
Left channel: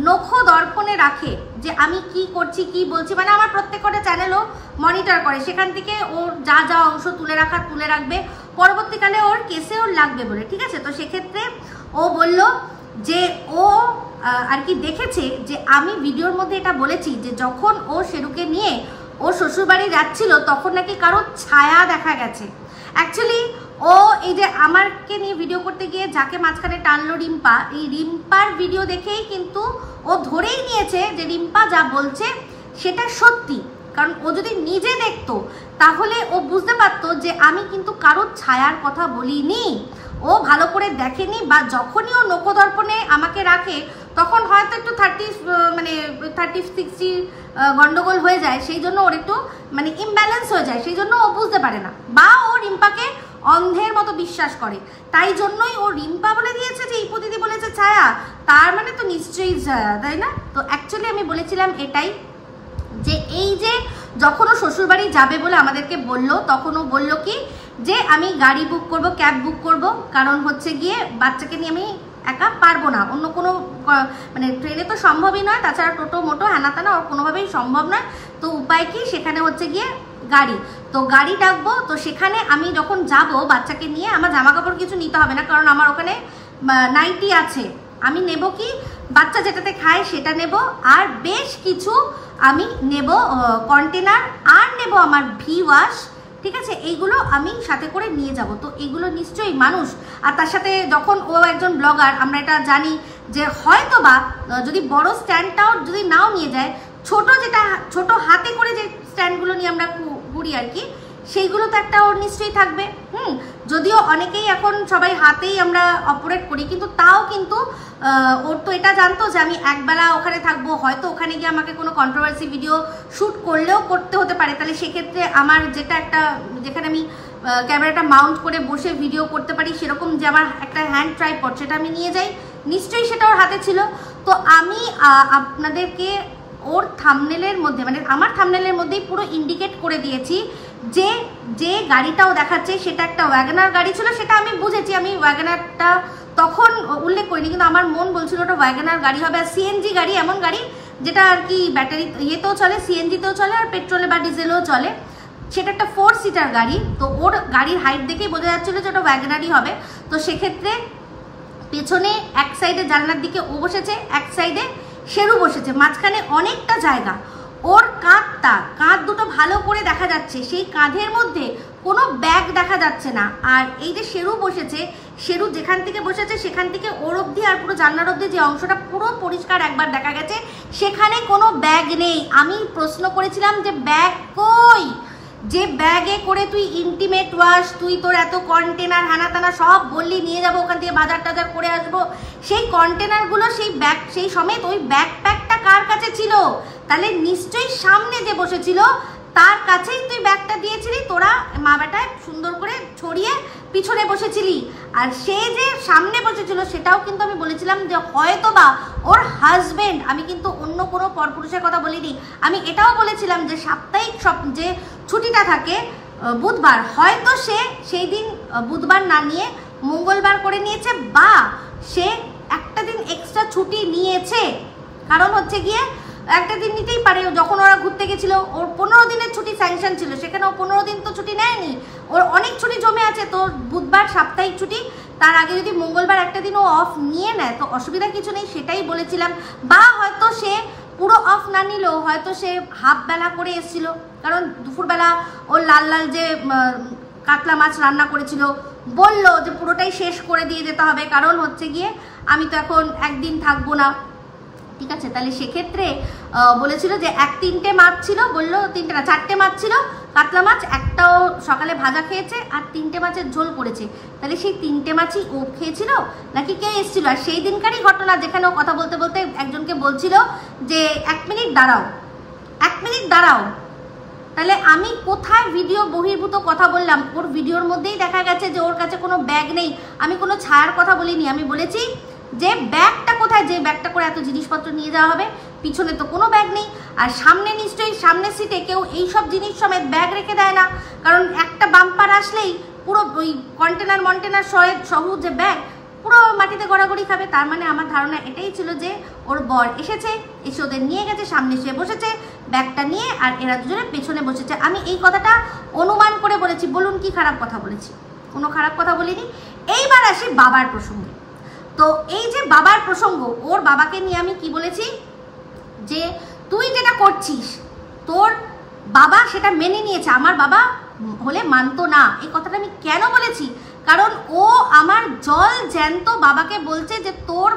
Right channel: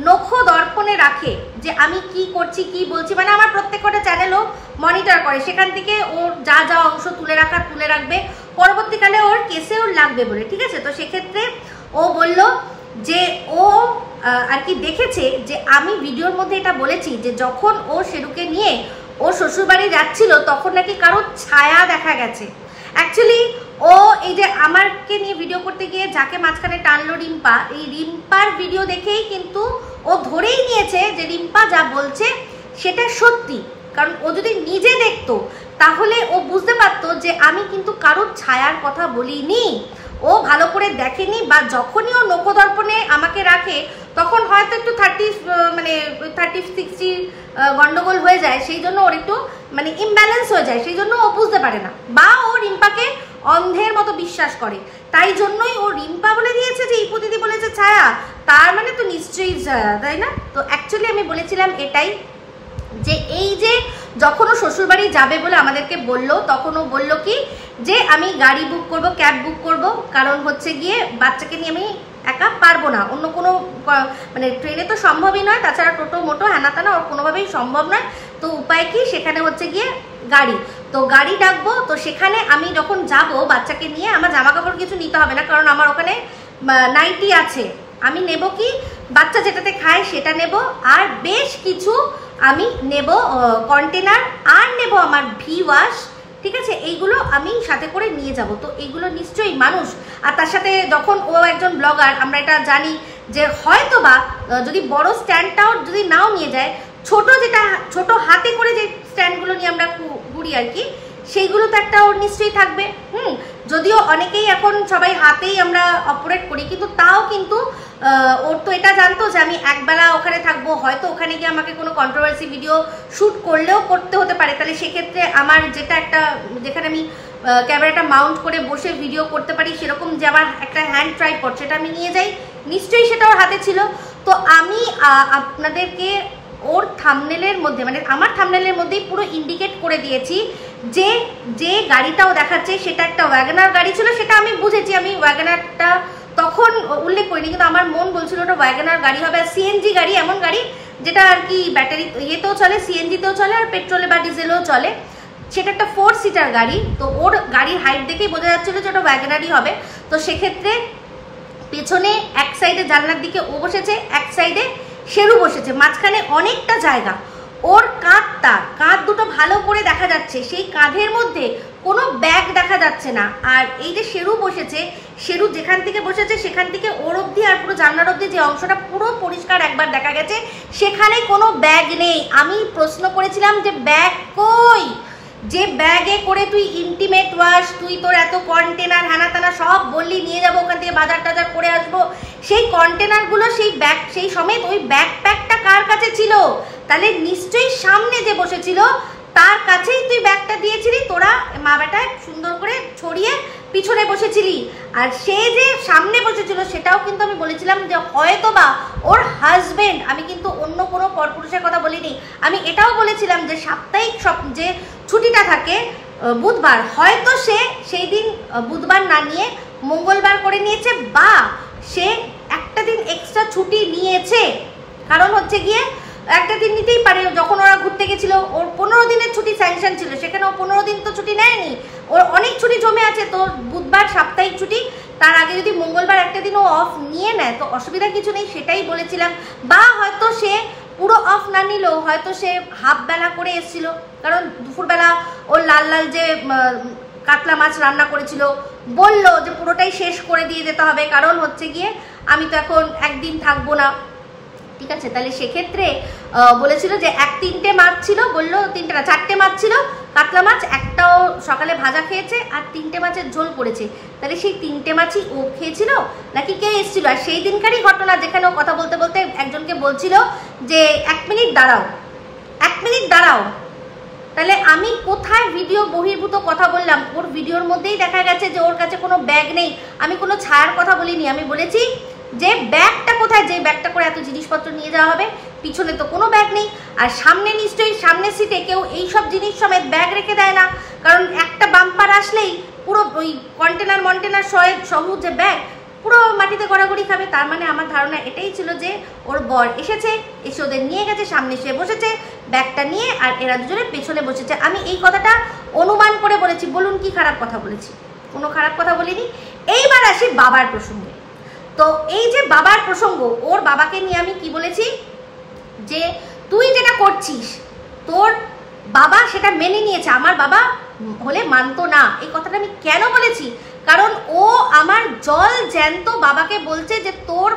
নখ দর্পণে রাখে, যে আমি কি করছি কি বলছি, আমার প্রত্যেকটা চ্যানেলও মনিটর করে, সেখান থেকে ওর যা যা অংশ তুলে রাখবে, পরবর্তীকালে ওর কেসেও লাগবে বলে, ঠিক আছে? তো সেক্ষেত্রে ও বলল যে ও আর কি দেখেছে যে আমি ভিডিওর মধ্যে এটা বলেছি যে যখন ও শেরুকে নিয়ে ও শ্বশুরবাড়ি যাচ্ছিল তখন নাকি কারো ছায়া দেখা গেছে। অ্যাকচুয়ালি ও এই যে আমাকে নিয়ে ভিডিও করতে গিয়ে যাকে মাঝখানে টানলো রিম্পা, এই রিম্পার ভিডিও দেখেই কিন্তু ও ধরেই নিয়েছে যে রিম্পা যা বলছে সেটা সত্যি। কারণ ও যদি নিজে দেখতো তাহলে ও বুঝতে পারতো যে আমি কিন্তু কারোর ছায়ার কথা বলিনি। ও ভালো করে দেখেনি, বা যখনই ও নখদর্পণে আমাকে রাখে তখন হয়তো একটু 30-60 গন্ডগোল হয়ে যায়, সেই জন্য ওর একটু ইমব্যালেন্স হয়ে যায়, সেই জন্য ও বুঝতে পারে না, বা ও রিম্পাকে অন্ধের মতো বিশ্বাস করে। তাই জন্যই ও রিম্পা বলে দিয়েছে যে ইপদিদি বলেছে ছায়া, তার মানে তো নিশ্চয়ই ছায়া, তাই না? তো অ্যাকচুয়ালি আমি বলেছিলাম এটাই, যে এই যে যখন ও শ্বশুরবাড়ি যাবে বলে আমাদেরকে বলল, তখন ও বলল কি যে আমি গাড়ি বুক করব, ক্যাব বুক করব, কারণ হচ্ছে গিয়ে বাচ্চাকে নিয়ে আমি একা পারবো না, অন্য কোনো মানে ট্রেনে তো সম্ভবই নয়, তাছাড়া টোটো মোটো হ্যানাতানা ওর কোনোভাবেই সম্ভব নয়। তো উপায় কি, সেখানে হচ্ছে গিয়ে গাড়ি, তো গাড়ি ডাকবো। তো সেখানে আমি যখন যাব বাচ্চাকে নিয়ে, আমার জামা কাপড় কিছু নিতে হবে না, কারণ আমার ওখানে নাইটি আছে। আমি নেব কি, বাচ্চা যেটাতে খায় সেটা নেব, আর বেশ কিছু আমি নেব কন্টেনার, আর নেব আমার ভি ওয়াশ, ঠিক আছে, এইগুলো আমি সাথে করে নিয়ে যাব। তো এইগুলো নিশ্চয়ই মানুষ, আর তার সাথে যখন ও একজন ব্লগার, আমরা এটা জানি যে হয়তো বা যদি বড় স্ট্যান্ডটাও যদি নাও নিয়ে যায়, ছোট যেটা ছোট হাতে করে যে স্ট্যান্ডগুলো নিয়ে আমরা ঘুরি আর কি, সেইগুলো তো একটা ওর নিশ্চয়ই থাকবে। যদিও অনেকেই এখন সবাই হাতেই আমরা অপারেট করি, কিন্তু তাও কিন্তু ওর তো এটা জানতো যে আমি একবেলা ওখানে থাকবো, হয়তো ওখানে গিয়ে আমাকে কোনো কন্ট্রোভার্সি ভিডিও শ্যুট করলেও করতে হতে পারে। তাহলে সেক্ষেত্রে আমার যেটা একটা, যেখানে আমি ক্যামেরাটা মাউন্ট করে বসে ভিডিও করতে পারি, সেরকম যে আমার একটা হ্যান্ড ট্রাইপড, সেটা আমি নিয়ে যাই, নিশ্চয়ই সেটা ওর হাতে ছিল। তো আমি আপনাদেরকে ওর থাম্বনেলের মধ্যে, মানে আমার থাম্বনেলের মধ্যেই পুরো ইন্ডিকেট করে দিয়েছি যে যে গাড়িটাও দেখাচ্ছে সেটা একটা ওয়াগনার গাড়ি ছিল। সেটা আমি বুঝেছি, আমি ওয়াগনারটা তখন উল্লেখ করিনি, কিন্তু আমার মন বলছিল ওটা ওয়াগনার গাড়ি হবে। আর সিএনজি গাড়ি, এমন গাড়ি যেটা আর কি ব্যাটারি ইয়েতেও চলে, সিএনজিতেও চলে, আর পেট্রোলে বা ডিজেলেও চলে। সেটা একটা 4 সিটার গাড়ি। তো ওর গাড়ির হাইট দেখেই বোঝা যাচ্ছিল যে ওটা ওয়াগনারই হবে। তো সেক্ষেত্রে পেছনে এক সাইডে জানলার দিকে ও বসেছে, এক সাইডে শেরু বসেছে, মাঝখানে অনেকটা জায়গা। ওর কাঁধ দুটো ভালো করে দেখা যাচ্ছে, সেই কাঁধের মধ্যে কোনো ব্যাগ দেখা যাচ্ছে না। আর এই যে শেরু বসেছে, শেরু যেখান থেকে বসেছে সেখান থেকে ওর অব্দি আর পুরো জানলার অব্দি যে অংশটা পুরো পরিষ্কার একবার দেখা গেছে, সেখানে কোনো ব্যাগ নেই। আমি প্রশ্ন করেছিলাম যে ব্যাগ কই, যে ব্যাগে করে তুই ইন্টিমেট ওয়াশ, তুই তোর এত কন্টেনার হ্যানাতানা সব বললি নিয়ে যাবো ওখান থেকে, বাজার টাজার করে আসবো, সেই কন্টেনারগুলো, সেই ব্যাগ, সেই সমেত ওই ব্যাকপ্যাকটা কার কাছে ছিল? তাহলে নিশ্চয়ই সামনে যে বসেছিল তার কাছেই তুই ব্যাগটা দিয়েছিলি, তোরা মা বেটায় সুন্দর করে ছড়িয়ে পিছনে বসেছিলি। আর সে যে সামনে বসেছিল সেটাও কিন্তু আমি বলেছিলাম যে হয়তো বা ওর হাজবেন্ড, আমি কিন্তু অন্য কোনো পরপুরুষের কথা বলিনি। আমি এটাও বলেছিলাম যে সাপ্তাহিক যে ছুটিটা থাকে বুধবার, হয়তো সে সেই দিন বুধবার না নিয়ে মঙ্গলবার করে নিয়েছে, বা সে একটা দিন এক্সট্রা ছুটি নিয়েছে। কারণ হচ্ছে গিয়ে একটা দিন নিতেই পারে, যখন ওরা ঘুরতে গেছিল ওর 15 দিনের ছুটি স্যাংশন ছিল, সেখানে ও 15 দিন তো ছুটি নেয়নি, ওর অনেক ছুটি জমে আছে। তো বুধবার সাপ্তাহিক ছুটি, তার আগে যদি মঙ্গলবার একটা দিন ও অফ নিয়ে নেয় তো অসুবিধা কিছু নেই, সেটাই বলেছিলাম। বা হয়তো সে পুরো অফ না নিলেও হয়তো সে হাফ বেলা করে এসেছিল, কারণ দুপুরবেলা ওর লাল লাল যে কাতলা মাছ রান্না করেছিল, বললো যে পুরোটাই শেষ করে দিয়ে যেতে হবে, কারণ হচ্ছে গিয়ে আমি তো এখন একদিন থাকবো না, ঠিক আছে। তাহলে সেক্ষেত্রে বলেছিল যে 3টে মাছ ছিল, বললো 3টে না 4টে মাছ ছিল কাতলা মাছ, একটাও সকালে ভাজা খেয়েছে, আর 3টে মাছের ঝোল করেছে। তাহলে সেই 3টে মাছই ও খেয়েছিল নাকি কে এসেছিল? আর সেই দিনকারই ঘটনা, যেখানে ও কথা বলতে বলতে একজনকে বলছিল যে 1 মিনিট দাঁড়াও, 1 মিনিট দাঁড়াও। তাহলে আমি কোথায় ভিডিও বহির্ভূত কথা বললাম? ওর ভিডিওর মধ্যেই দেখা গেছে যে ওর কাছে কোনো ব্যাগ নেই। আমি কোনো ছায়ার কথা বলিনি, আমি বলেছি যে ব্যাগটা কোথায়, যে ব্যাগটা করে এত জিনিসপত্র নিয়ে যাওয়া হবে, পিছনে তো কোনো ব্যাগ নেই। আর সামনে নিশ্চয়ই সামনের সিটে কেউ এইসব জিনিস সমেত ব্যাগ রেখে দেয় না, কারণ একটা বাম্পার আসলেই পুরো ওই কন্টেনার সহ যে ব্যাগ পুরো মাটিতে গড়াগড়ি খাবে। তার মানে আমার ধারণা এটাই ছিল যে ওর বর এসে ওদের নিয়ে গেছে, সামনে সে বসেছে ব্যাগটা নিয়ে, আর এরা দুজনে পেছনে বসেছে। আমি এই কথাটা অনুমান করে বলেছি, বলুন কি খারাপ কথা বলেছি? কোনো খারাপ কথা বলিনি। এইবার আসি বাবার প্রসঙ্গে। তো এই যে বাবার প্রসঙ্গ, ওর বাবাকে নিয়ে আমি কি বলেছি, যে তুই যেটা করছিস তোর বাবা সেটা মেনে নিয়েছে, আমার বাবা হলে মানতো না। এই কথাটা আমি কেন বলেছি? কারণ ও আমার জল জ্যান্ত বাবাকে বলছে যে তোমার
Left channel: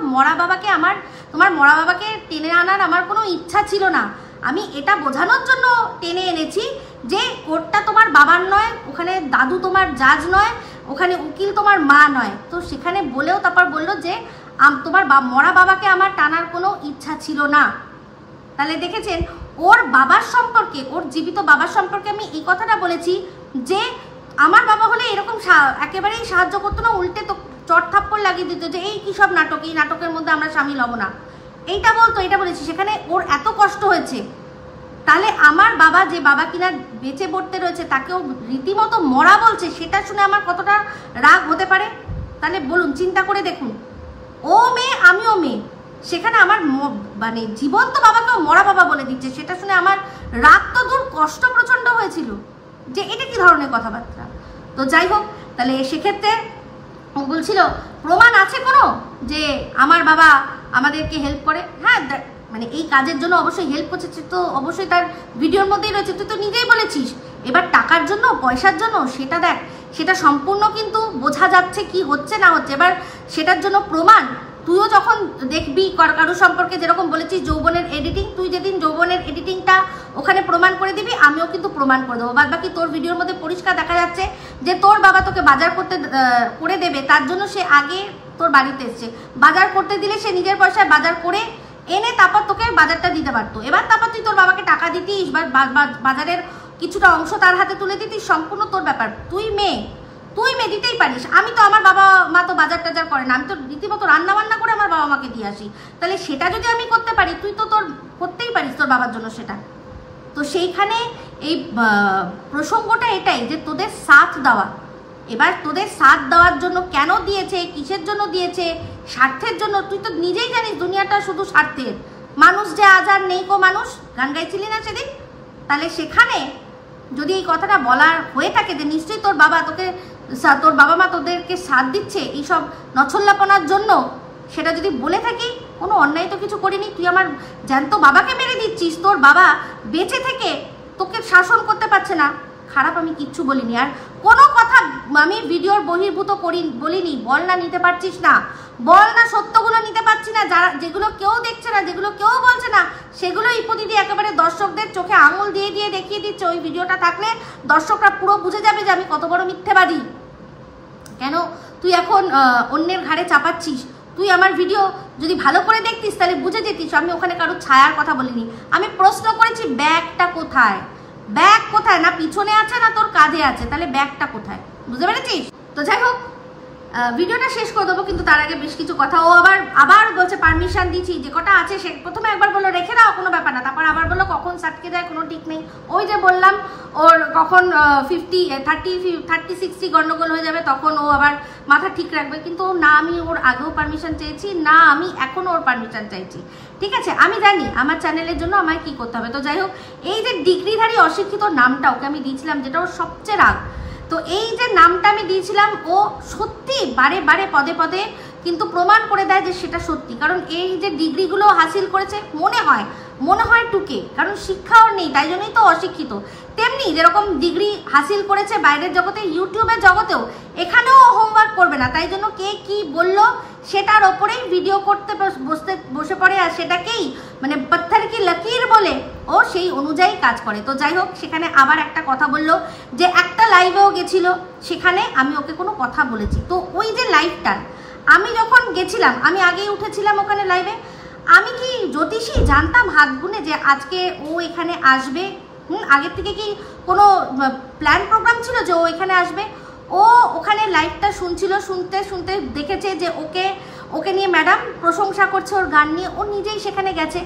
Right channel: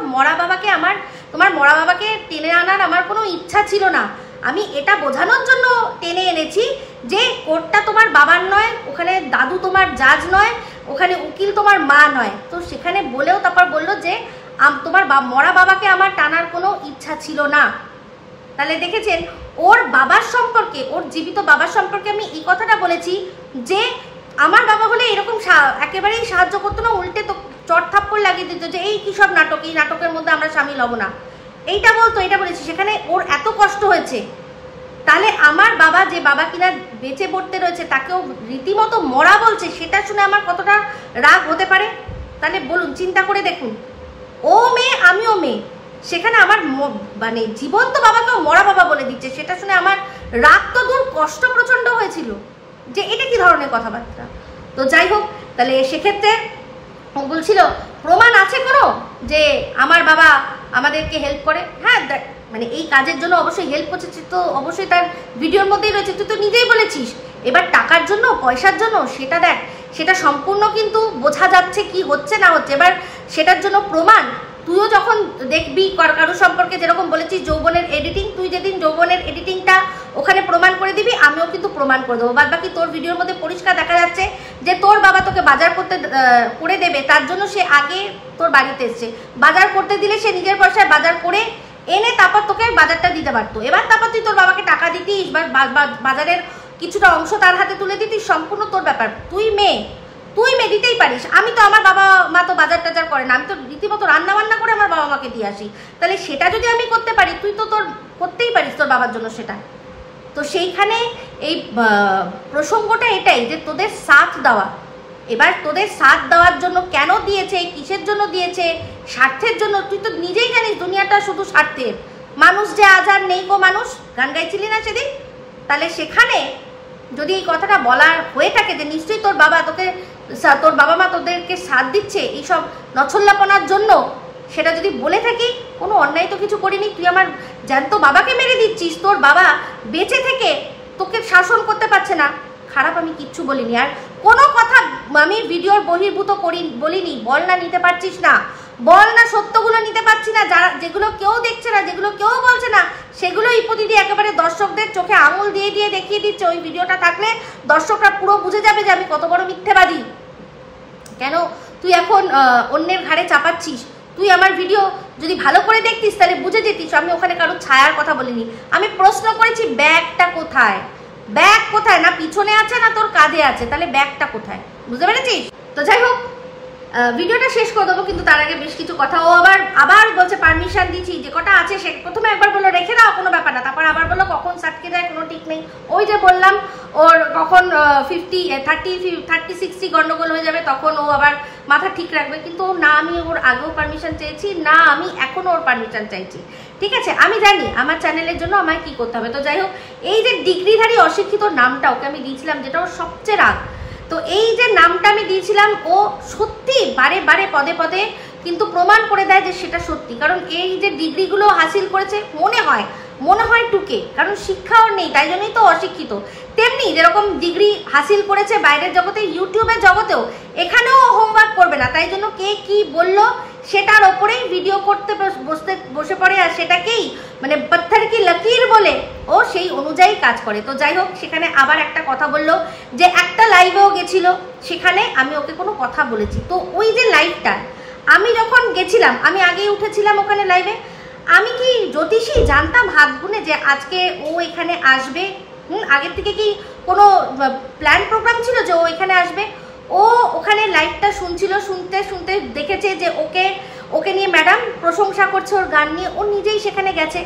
মরা বাবাকে টেনে আনার আমার কোনো ইচ্ছা ছিল না। আমি এটা বোঝানোর জন্য টেনে এনেছি যে কোর্টটা তোমার বাবার নয়, ওখানে দাদু তোমার জাজ নয়, ওখানে উকিল তোমার মা নয়। তো সেখানে বলেও তারপর বললো যে তোমার মরা বাবাকে আমার টানার কোনো ইচ্ছা ছিল না। তাহলে দেখেছেন, ওর বাবার সম্পর্কে, ওর জীবিত বাবার সম্পর্কে আমি এই কথাটা বলেছি যে আমার বাবা হলে এরকম একেবারেই সাহায্য করতো না, উল্টে তো চট থাপ্পড় লাগিয়ে দিত যে এই কি সব নাটক, এই নাটকের মধ্যে আমরা সামিল হব না, এইটা বলতো, এটা বলেছি। সেখানে ওর এত কষ্ট হয়েছে, তাহলে আমার বাবা, যে বাবা কিনা বেঁচে পড়তে রয়েছে, তাকেও রীতিমতো মরা বলছে, সেটা শুনে আমার কতটা রাগ হতে পারে? তাহলে বলুন, চিন্তা করে দেখুন। ও মেয়ে আমিও মেয়ে, সেখানে আমার মানে জীবন্ত বাবাকেও মরা বাবা বলে দিচ্ছে, সেটা শুনে আমার রাগ তো দূর কষ্ট প্রচন্ড হয়েছিল যে এটা কি ধরনের কথাবার্তা। তো যাই হোক, তাহলে সেক্ষেত্রে ও বলছিল প্রমাণ আছে কোনো যে আমার বাবা আমাদেরকে হেল্প করে? হ্যাঁ, মানে এই কাজের জন্য অবশ্যই হেল্প করছে, তো অবশ্যই তার ভিডিওর মধ্যেই রয়েছে, তুই তো নিজেই বলেছিস। এবার টাকার জন্য পয়সার জন্য সেটা দেখ, সেটা সম্পূর্ণ কিন্তু বোঝা যাচ্ছে কি হচ্ছে না হচ্ছে। এবার সেটার জন্য প্রমাণ তুইও যখন দেখবি কারো সম্পর্কে, যেরকম বলেছিস যৌবনের এডিটিং, তুই যেদিন যৌবনের এডিটিংটা ওখানে প্রমাণ করে দিবি, আমিও কিন্তু প্রমাণ করে দেবো। বাদ বাকি তোর ভিডিওর মধ্যে পরিষ্কার দেখা যাচ্ছে যে তোর বাবা তোকে বাজার করতে করে দেবে, তার জন্য সে আগে তোর বাড়িতে এসছে। বাজার করতে দিলে সে নিজের পয়সায় বাজার করে এনে তারপর তোকে বাজারটা দিতে পারতো। এবার তারপর তুই তোর বাবাকে টাকা দিতিস বা বাজারের কিছুটা অংশ তার হাতে তুলে দিতিস, সম্পূর্ণ তোর ব্যাপার। তুই মেয়ে দিতেই পারিস। আমি তো, আমার বাবা মা তো বাজার টাজার করে না, আমি তো রীতিমতো রান্না বান্না করে আমার বাবা মাকে দিয়ে আসি। তাহলে সেটা যদি আমি করতে পারি, তুই তো তোর করতেই পারিস তোর বাবার জন্য সেটা। তো সেইখানে এই প্রসঙ্গটা এটাই যে তোদের সাথ দেওয়া। এবার তোদের সাথ দেওয়ার জন্য কেন দিয়েছে, কিসের জন্য দিয়েছে, স্বার্থের জন্য। তুই তো নিজেই জানিস দুনিয়াটা শুধু স্বার্থের। মানুষ যে আজ আর নেই গো মানুষ, গান গাইছিলি না সেদিন? তাহলে সেখানে যদি এই কথাটা বলার হয়ে থাকে যে নিশ্চয়ই তোর বাবা মা তোদেরকে সাথ দিচ্ছে এইসব নছল্লাপনার জন্য, সেটা যদি বলে থাকি, কোনো অন্যায় তো কিছু করিনি। তুই আমার জ্যান্ত বাবাকে মেরে দিচ্ছিস, তোর বাবা বেঁচে থেকে তোকে শাসন করতে পারছে না। খারাপ আমি কিচ্ছু বলিনি, আর কোনো কথা আমি ভিডিওর বহির্ভূত বলিনি। বল না নিতে পারছিস না, বল না সত্যগুলো নিতে পারছি না, যেগুলো কেউ দেখছে না, যেগুলো কেউ বলছে না, সেগুলোই প্রতিদিন একেবারে দর্শকদের চোখে আঙুল দিয়ে দেখিয়ে দিচ্ছে। ওই ভিডিওটা থাকলে দর্শকরা পুরো বুঝে যাবে যে আমি কত বড় মিথ্যেবাদী। কেন তুই এখন অন্যের ঘাড়ে চাপাচ্ছিস? তুই আমার ভিডিও যদি ভালো করে দেখতিস তাহলে বুঝে যেতিস আমি ওখানে কারো ছায়ার কথা বলিনি। আমি প্রশ্ন করেছি ব্যাগটা কোথায়, ব্যাগ কোথায়? না পিছনে আছে না তোর কাঁধে আছে, তাহলে ব্যাগটা কোথায়? বুঝতে পেরেছিস? তো যাই হোক, ভিডিওটা শেষ করে দেবো, কিন্তু তার আগে বেশ কিছু কথা। ও আবার বলছে পারমিশন দিচ্ছি, যে কটা আছে সে প্রথমে একবার বললো রেখে দাও, কোনো ব্যাপার না, তারপর আবার বললো কখন সাটকে যায় কোনো ঠিক নেই। ওই যে বললাম ওর কখন 30-60 গন্ডগোল হয়ে যাবে, তখন ও আবার মাথা ঠিক রাখবে। কিন্তু না আমি ওর আগেও পারমিশন চেয়েছি, না আমি এখনো ওর পারমিশন চাইছি। ঠিক আছে, আমি জানি আমার চ্যানেলের জন্য আমায় কি করতে হবে। তো যাই হোক, এই যে ডিগ্রিধারী অশিক্ষিত নামটা ওকে আমি দিয়েছিলাম, যেটা ওর সবচেয়ে রাগ, তো এই যে নামটা আমি দিয়েছিলাম, ও সত্যি বারে বারে পদে পদে কিন্তু প্রমাণ করে দেয় যে সেটা সত্যি। কারণ এই যে ডিগ্রিগুলো হাসিল করেছে, মনে হয় টুকে, কারণ শিক্ষা ওর নেই, তাই জন্যই তো অশিক্ষিত। তেমনি যেরকম ডিগ্রি হাসিল করেছে বাইরের জগতে, ইউটিউবের জগতেও, এখানেও হোমওয়ার্ক করবে না, তাই জন্য কে কি বললো সেটার ওপরেই ভিডিও করতে বসে পড়ে, আর সেটাকেই মানে পাথর কি লকির বলে ও সেই অনুযায়ী কাজ করে। তো যাই হোক, সেখানে আবার একটা কথা বললো যে একটা লাইভেও গেছিল, সেখানে আমি ওকে কোনো কথা বলেছি। তো ওই যে লাইভটা আমি যখন গেছিলাম, আমি আগেই উঠেছিলাম ওখানে লাইভে, আমি কি জ্যোতিষী জানতাম হাত গুনে যে আজকে ও এখানে আসবে? আগের থেকে কি কোনো প্ল্যান প্রোগ্রাম ছিল যে ও এখানে আসবে? ও ওখানে লাইভটা শুনছিল, শুনতে দেখেছে যে ওকে নিয়ে ম্যাডাম প্রশংসা করছে ওর গান নিয়ে, ও নিজেই সেখানে গেছে।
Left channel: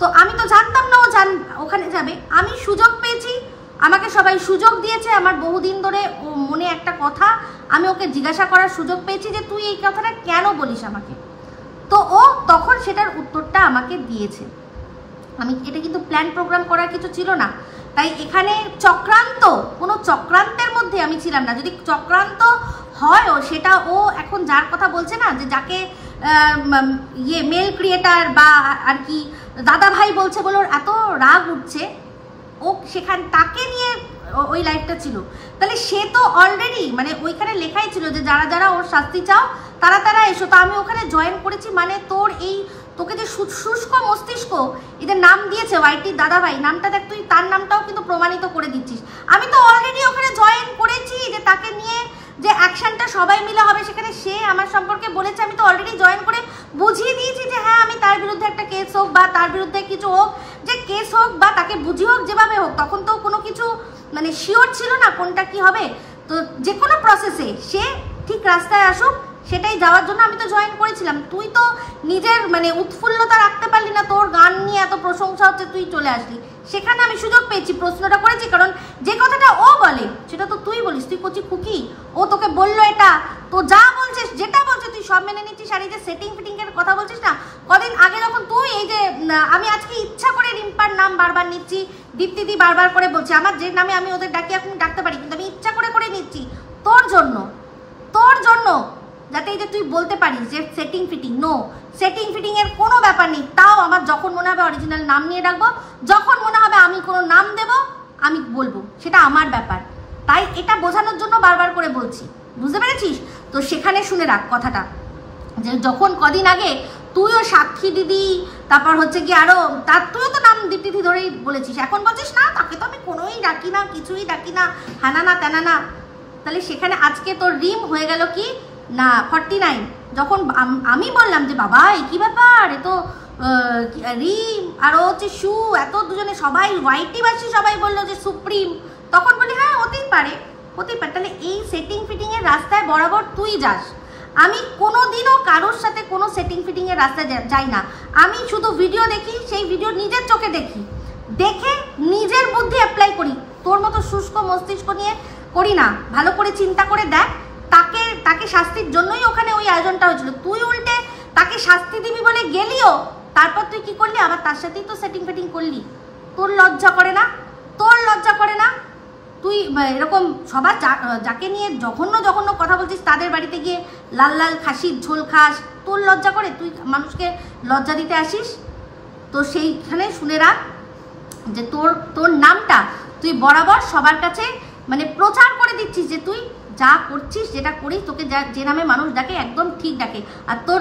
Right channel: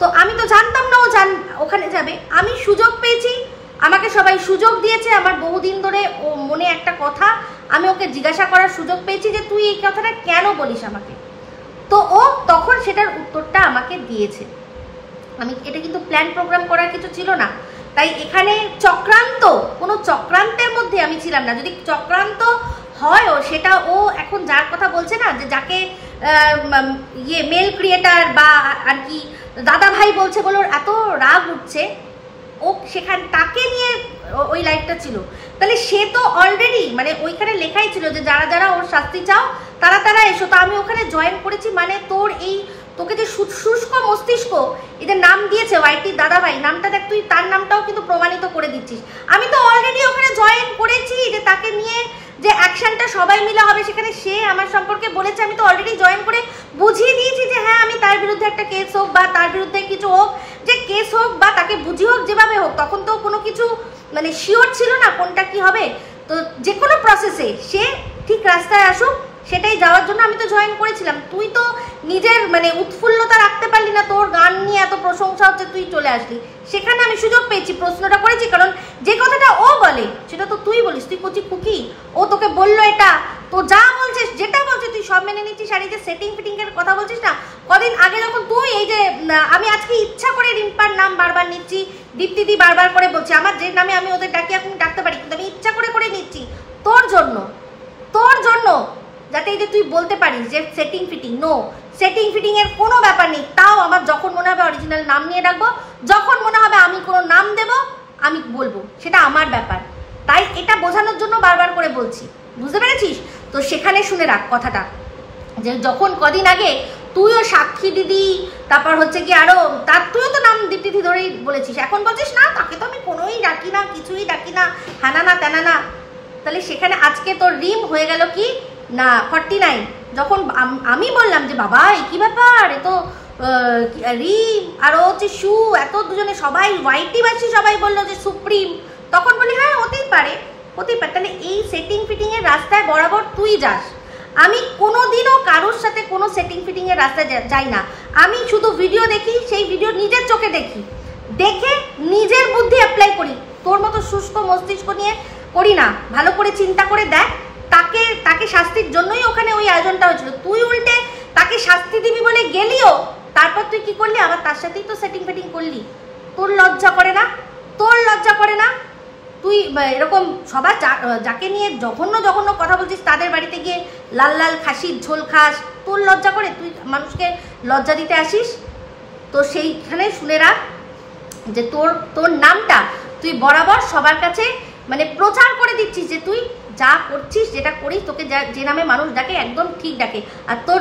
তো আমি তো জানতাম না ও ওখানে যাবে, আমি সুযোগ পেয়েছি, আমাকে সবাই সুযোগ দিয়েছে। আমার বহুদিন ধরে ও মনে একটা কথা, আমি ওকে জিজ্ঞাসা করার সুযোগ পেয়েছি যে তুই এই কথাটা কেন বলিস আমাকে। তো ও তখন সেটার উত্তরটা আমাকে দিয়েছে। আমি এটা কিন্তু প্ল্যান প্রোগ্রাম করার কিছু ছিল না, তাই এখানে কোনো চক্রান্তের মধ্যে আমি ছিলাম না। যদি চক্রান্ত হয়ও, সেটা ও এখন যার কথা বলছে না, যে যাকে মেল ক্রিয়েটার বা আর কি দাদা ভাই বলছে বলে ওর এত রাগ উঠছে, ও সেখানে তাকে নিয়ে ওই লাইভটা ছিল। তাহলে সে তো অলরেডি মানে ওইখানে লেখাই ছিল যে যারা যারা ওর শাস্তি চাও তারা এসো। তো আমি ওখানে জয়েন করেছি, মানে তোকে যে শুষ্ক মস্তিষ্ক এদের নাম দিয়েছে ওয়াইটি দাদা ভাই নামটা, দেখ তুই তার নামটাও কিন্তু প্রমাণিত করে দিচ্ছিস। আমি তো অলরেডি ওখানে জয়েন করেছি, যে তাকে নিয়ে যে অ্যাকশনটা সবাই মিলে হবে, সেখানে সে আমার সম্পর্কে বলেছে, আমি তো অলরেডি জয়েন করে বুঝিয়ে দিয়েছি যে হ্যাঁ আমি তার বিরুদ্ধে একটা কেস হোক বা তার বিরুদ্ধে কিছু হোক, যে কেস হোক বা তাকে বুঝিয়ে হোক, যেভাবে হোক, তখন তো কোনো কিছু মানে শিওর ছিল না কোনটা কি হবে। তো যে কোনো প্রসেসে সে ঠিক রাস্তায় আসুক, সেটাই যাওয়ার জন্য আমি তো জয়েন করেছিলাম। তুই তো নিজের মানে উৎফুল্লতা রাখতে পারলি না, তোর গান নিয়ে এত প্রশংসা হচ্ছে, তুই চলে আসলি। সেখানে আমি সুযোগ পেয়েছি, প্রশ্নটা করেছি, কারণ যে কথাটা ও বলে সেটা তো তুই বলিস, তুই কচি খুকি, ও তোকে বললো এটা, তো যা বলছিস যেটা বলছে তুই সব মেনে নিচ্ছিস, আর এই যে সেটিং ফিটিং এর কথা বলছিস না, কদিন আগে যখন তুই এই যে আমি আজকে ইচ্ছা করে রিম্পার নাম বারবার নিচ্ছি, দীপ্তিদি বারবার করে বলছি, আমার যে নামে আমি ওদের ডাকি এখন ডাকতে পারি, কিন্তু আমি ইচ্ছা করে করে নিচ্ছি তোর জন্য যাতে এই যে তুই বলতে পারিস যে setting fitting. No, setting fitting এর কোনো ব্যাপার নেই। তাও আমার যখন মনে হবে অরিজিনাল নাম নিয়ে ডাকবো, যখন মনে হবে আমি কোনো নাম দেব আমি বলবো, সেটা আমার ব্যাপার। তাই এটা বোঝানোর জন্য বারবার করে বলছি, বুঝতে পেরেছিস? তো সেখানে শুনে রাখ কথাটা, যে যখন কদিন আগে তুইও সাক্ষী দিদি, তারপর হচ্ছে কি আরো তার তুইও তো নাম দীপ্তি ধরেই বলেছিস, এখন বলছিস না তাকে তো আমি কোনোই ডাকি না, কিছুই ডাকি না, হানা না তেনা না। তাহলে সেখানে আজকে তোর রিম হয়ে গেল কি না 49। যখন আমি বললাম যে বাবা এই কি ব্যাপার, এ তো রিম আর ও হচ্ছে শু, এত দুজনে সবাই হোয়াইটি বাসি সবাই বললো যে সুপ্রিম, তখন বলি হ্যাঁ হতেই পারে। তাহলে এই সেটিং ফিটিং এর রাস্তায় বরাবর তুই যাস, আমি কোনোদিনও কারোর সাথে কোনো সেটিং ফিটিং এর রাস্তায় যাই না। আমি শুধু ভিডিও দেখি, সেই ভিডিও নিজের চোখে দেখি, দেখে নিজের বুদ্ধি অ্যাপ্লাই করি। তোর মতো শুষ্ক মস্তিষ্ক নিয়ে করি না, ভালো করে চিন্তা করে দেখ। তাকে শাস্তির জন্যই ওখানে ওই আয়োজনটা হয়েছিল, তুই উল্টে তাকে শাস্তি দিবি বলে গেলিও, তারপর তুই কি করলি, আবার তার সাথেই তো সেটিং ফিটিং করলি। তোর লজ্জা করে না? তুই এরকম সবার যাকে নিয়ে জঘন্য জঘন্য কথা বলছিস তাদের বাড়িতে গিয়ে লাল লাল খাসির ঝোল খাস, তোর লজ্জা করে? তুই মানুষকে লজ্জা দিতে আসিস? তো সেইখানে শুনে রাখ যে তোর নামটা তুই বরাবর সবার কাছে মানে প্রচার করে দিচ্ছিস, যে তুই যা করছিস, যেটা করিস, তোকে যে নামে মানুষ ডাকে একদম ঠিক ডাকে। আর তোর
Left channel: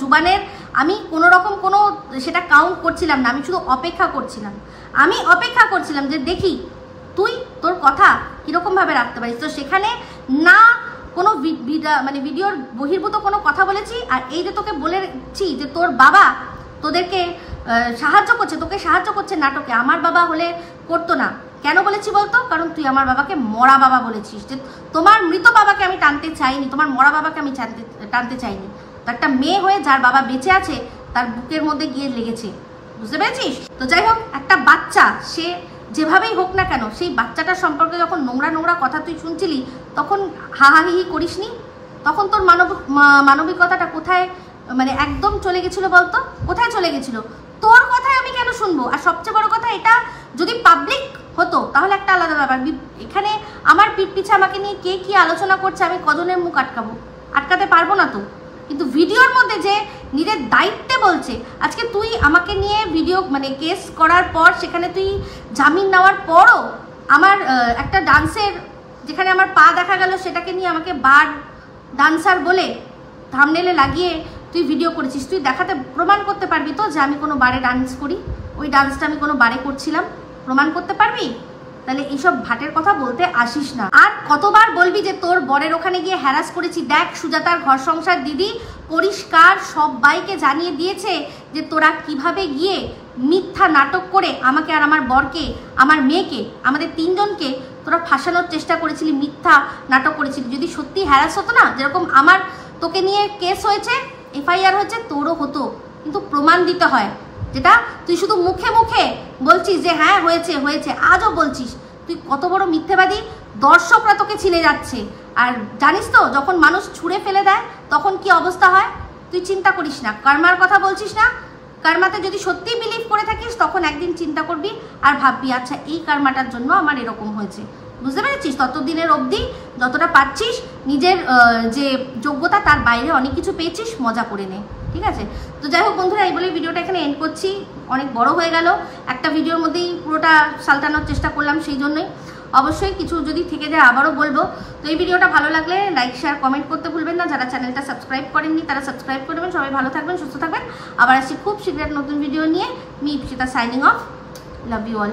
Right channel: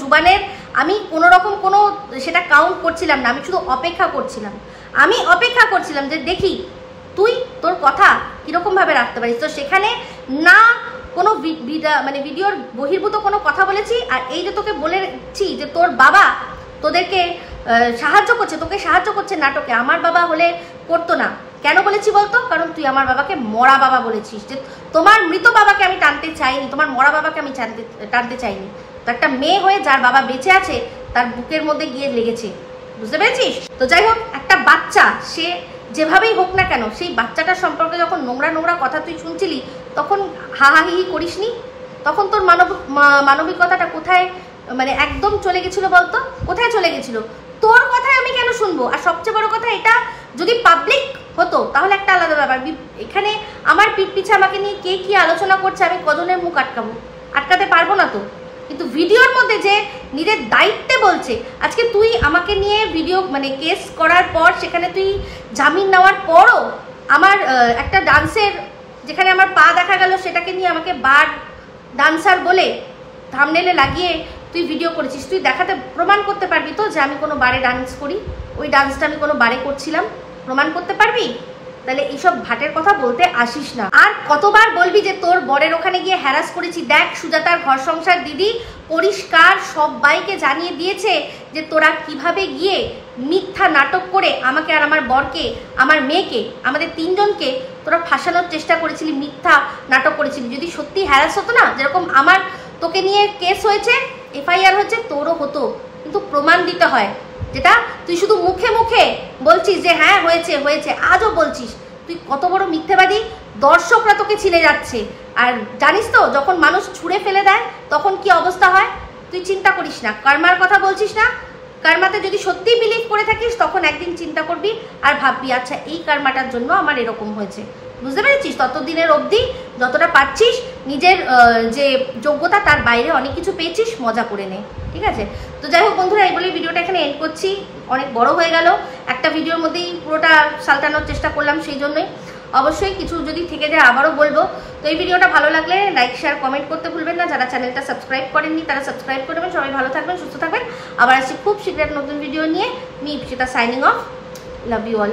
জুবানের আমি কোনো রকম কোনো সেটা কাউন্ট করছিলাম না, আমি শুধু অপেক্ষা করছিলাম যে দেখি তুই তোর কথা কিরকম ভাবে রাখতে পারিস। তো সেখানে না কোনো মানে ভিডিওর বহির্ভূত কোনো কথা বলেছি, আর এই যে তোকে বলেছি যে তোর বাবা তোদেরকে তোকে সাহায্য করছে নাটকে, আমার বাবা হলে করতো না। কেন বলেছি বলতো? কারণ তুই আমার বাবাকে মরা বাবা বলেছিস, যে তোমার মৃত বাবাকে আমি টানতে চাইনি, তোমার মরা বাবাকে আমি টানতে চাইনি। তো একটা মেয়ে হয়ে যার বাবা বেঁচে আছে তার বুকের মধ্যে গিয়ে লেগেছে, বুঝতে পেরেছিস? তো যাই হোক, একটা বাচ্চা সে যেভাবেই হোক না কেন, সেই বাচ্চাটার সম্পর্কে যখন নোংরা কথা তুই শুনছিলি, তখন হাহাহি করিসনি? তখন তোর মানবিকতাটা কোথায় মানে একদম চলে গেছিল বলতো? কোথায় চলে গেছিল? তোর কথায় আমি কেন শুনবো? আর সবচেয়ে বড় কথা, এটা যদি পাবলিক হতো তাহলে একটা আলাদা ব্যাপার। এখানে আমার পিঠ পিছে আমাকে নিয়ে কে কি আলোচনা করছে, আমি কজনের মুখ আটকাতে পারবো না তো। কিন্তু ভিডিওর মধ্যে যে নিজের দায়িত্বে বলছে, আজকে তুই আমাকে নিয়ে ভিডিও মানে কেস করার পর, সেখানে তুই জামিন নেওয়ার পরও আমার একটা ডান্সের যেখানে আমার পা দেখা গেল, সেটাকে নিয়ে আমাকে বার ডান্সার বলে থাম্বনেলে লাগিয়ে তুই ভিডিও করেছিস। তুই দেখাতে প্রমাণ করতে পারবি তো যে আমি কোনো বারে ডান্স করি, ওই ডান্সটা আমি কোনো বারে করছিলাম? প্রমাণ করতে পারবি? তাহলে এইসব ভাটের কথা বলতে আসিস না। আর কতবার বলবি যে তোর বরের ওখানে গিয়ে হ্যারাস করেছি? দেখ, সুজাতার ঘর সংসার দিদি পরিষ্কার সবাইকে জানিয়ে দিয়েছে যে তোরা কিভাবে গিয়ে মিথ্যা নাটক করে আমাকে আর আমার বরকে, আমার মেয়েকে, আমাদের তিনজনকে তোরা ফাঁসানোর চেষ্টা করেছিলি, মিথ্যা নাটক করেছিলি। যদি সত্যি হ্যারাস হতো না, যেরকম আমার তোকে নিয়ে কেস হয়েছে, এফআইআর হয়েছে, তোরও হতো, কিন্তু প্রমাণ দিতে হয়। যেটা তুই শুধু মুখে মুখে বলছিস যে হ্যাঁ হয়েছে হয়েছে, আজও বলছিস। তুই কত বড় মিথ্যেবাদী! দর্শকরা তোকে ছিলে যাচ্ছে। আর জানিস তো, যখন মানুষ ছুঁড়ে ফেলে দেয় তখন কি অবস্থা হয়? তুই চিন্তা করিস না, কর্মার কথা বলছিস না? কর্মাতে যদি সত্যি বিলিভ করে থাকিস, তখন একদিন চিন্তা করবি আর ভাববি আচ্ছা এই কর্মাটার জন্য আমার এরকম হয়েছে। বুঝতে পেরেছিস? ততদিনের অবধি যতটা পাচ্ছিস, নিজের যে যোগ্যতা তার বাইরে অনেক কিছু পেয়েছিস, মজা করে নে, ঠিক আছে? তো যাই হোক বন্ধুরা, এই বলে ভিডিওটা এখানে এন্ড করছি। অনেক বড় হয়ে গেল, একটা ভিডিওর মধ্যেই পুরোটা সালটানোর চেষ্টা করলাম, সেই জন্যই। অবশ্যই কিছু যদি থেকে যায় আবারও বলবো। তো এই ভিডিওটা ভালো লাগলে লাইক, শেয়ার, কমেন্ট করতে ভুলবেন না। যারা চ্যানেলটা সাবস্ক্রাইব করেননি তারা সাবস্ক্রাইব করে দেবেন। সবাই ভালো থাকবেন, সুস্থ থাকবেন। আবার আসছি খুব শীঘ্র নতুন ভিডিও নিয়ে। Me Ipsita signing off. Love you all.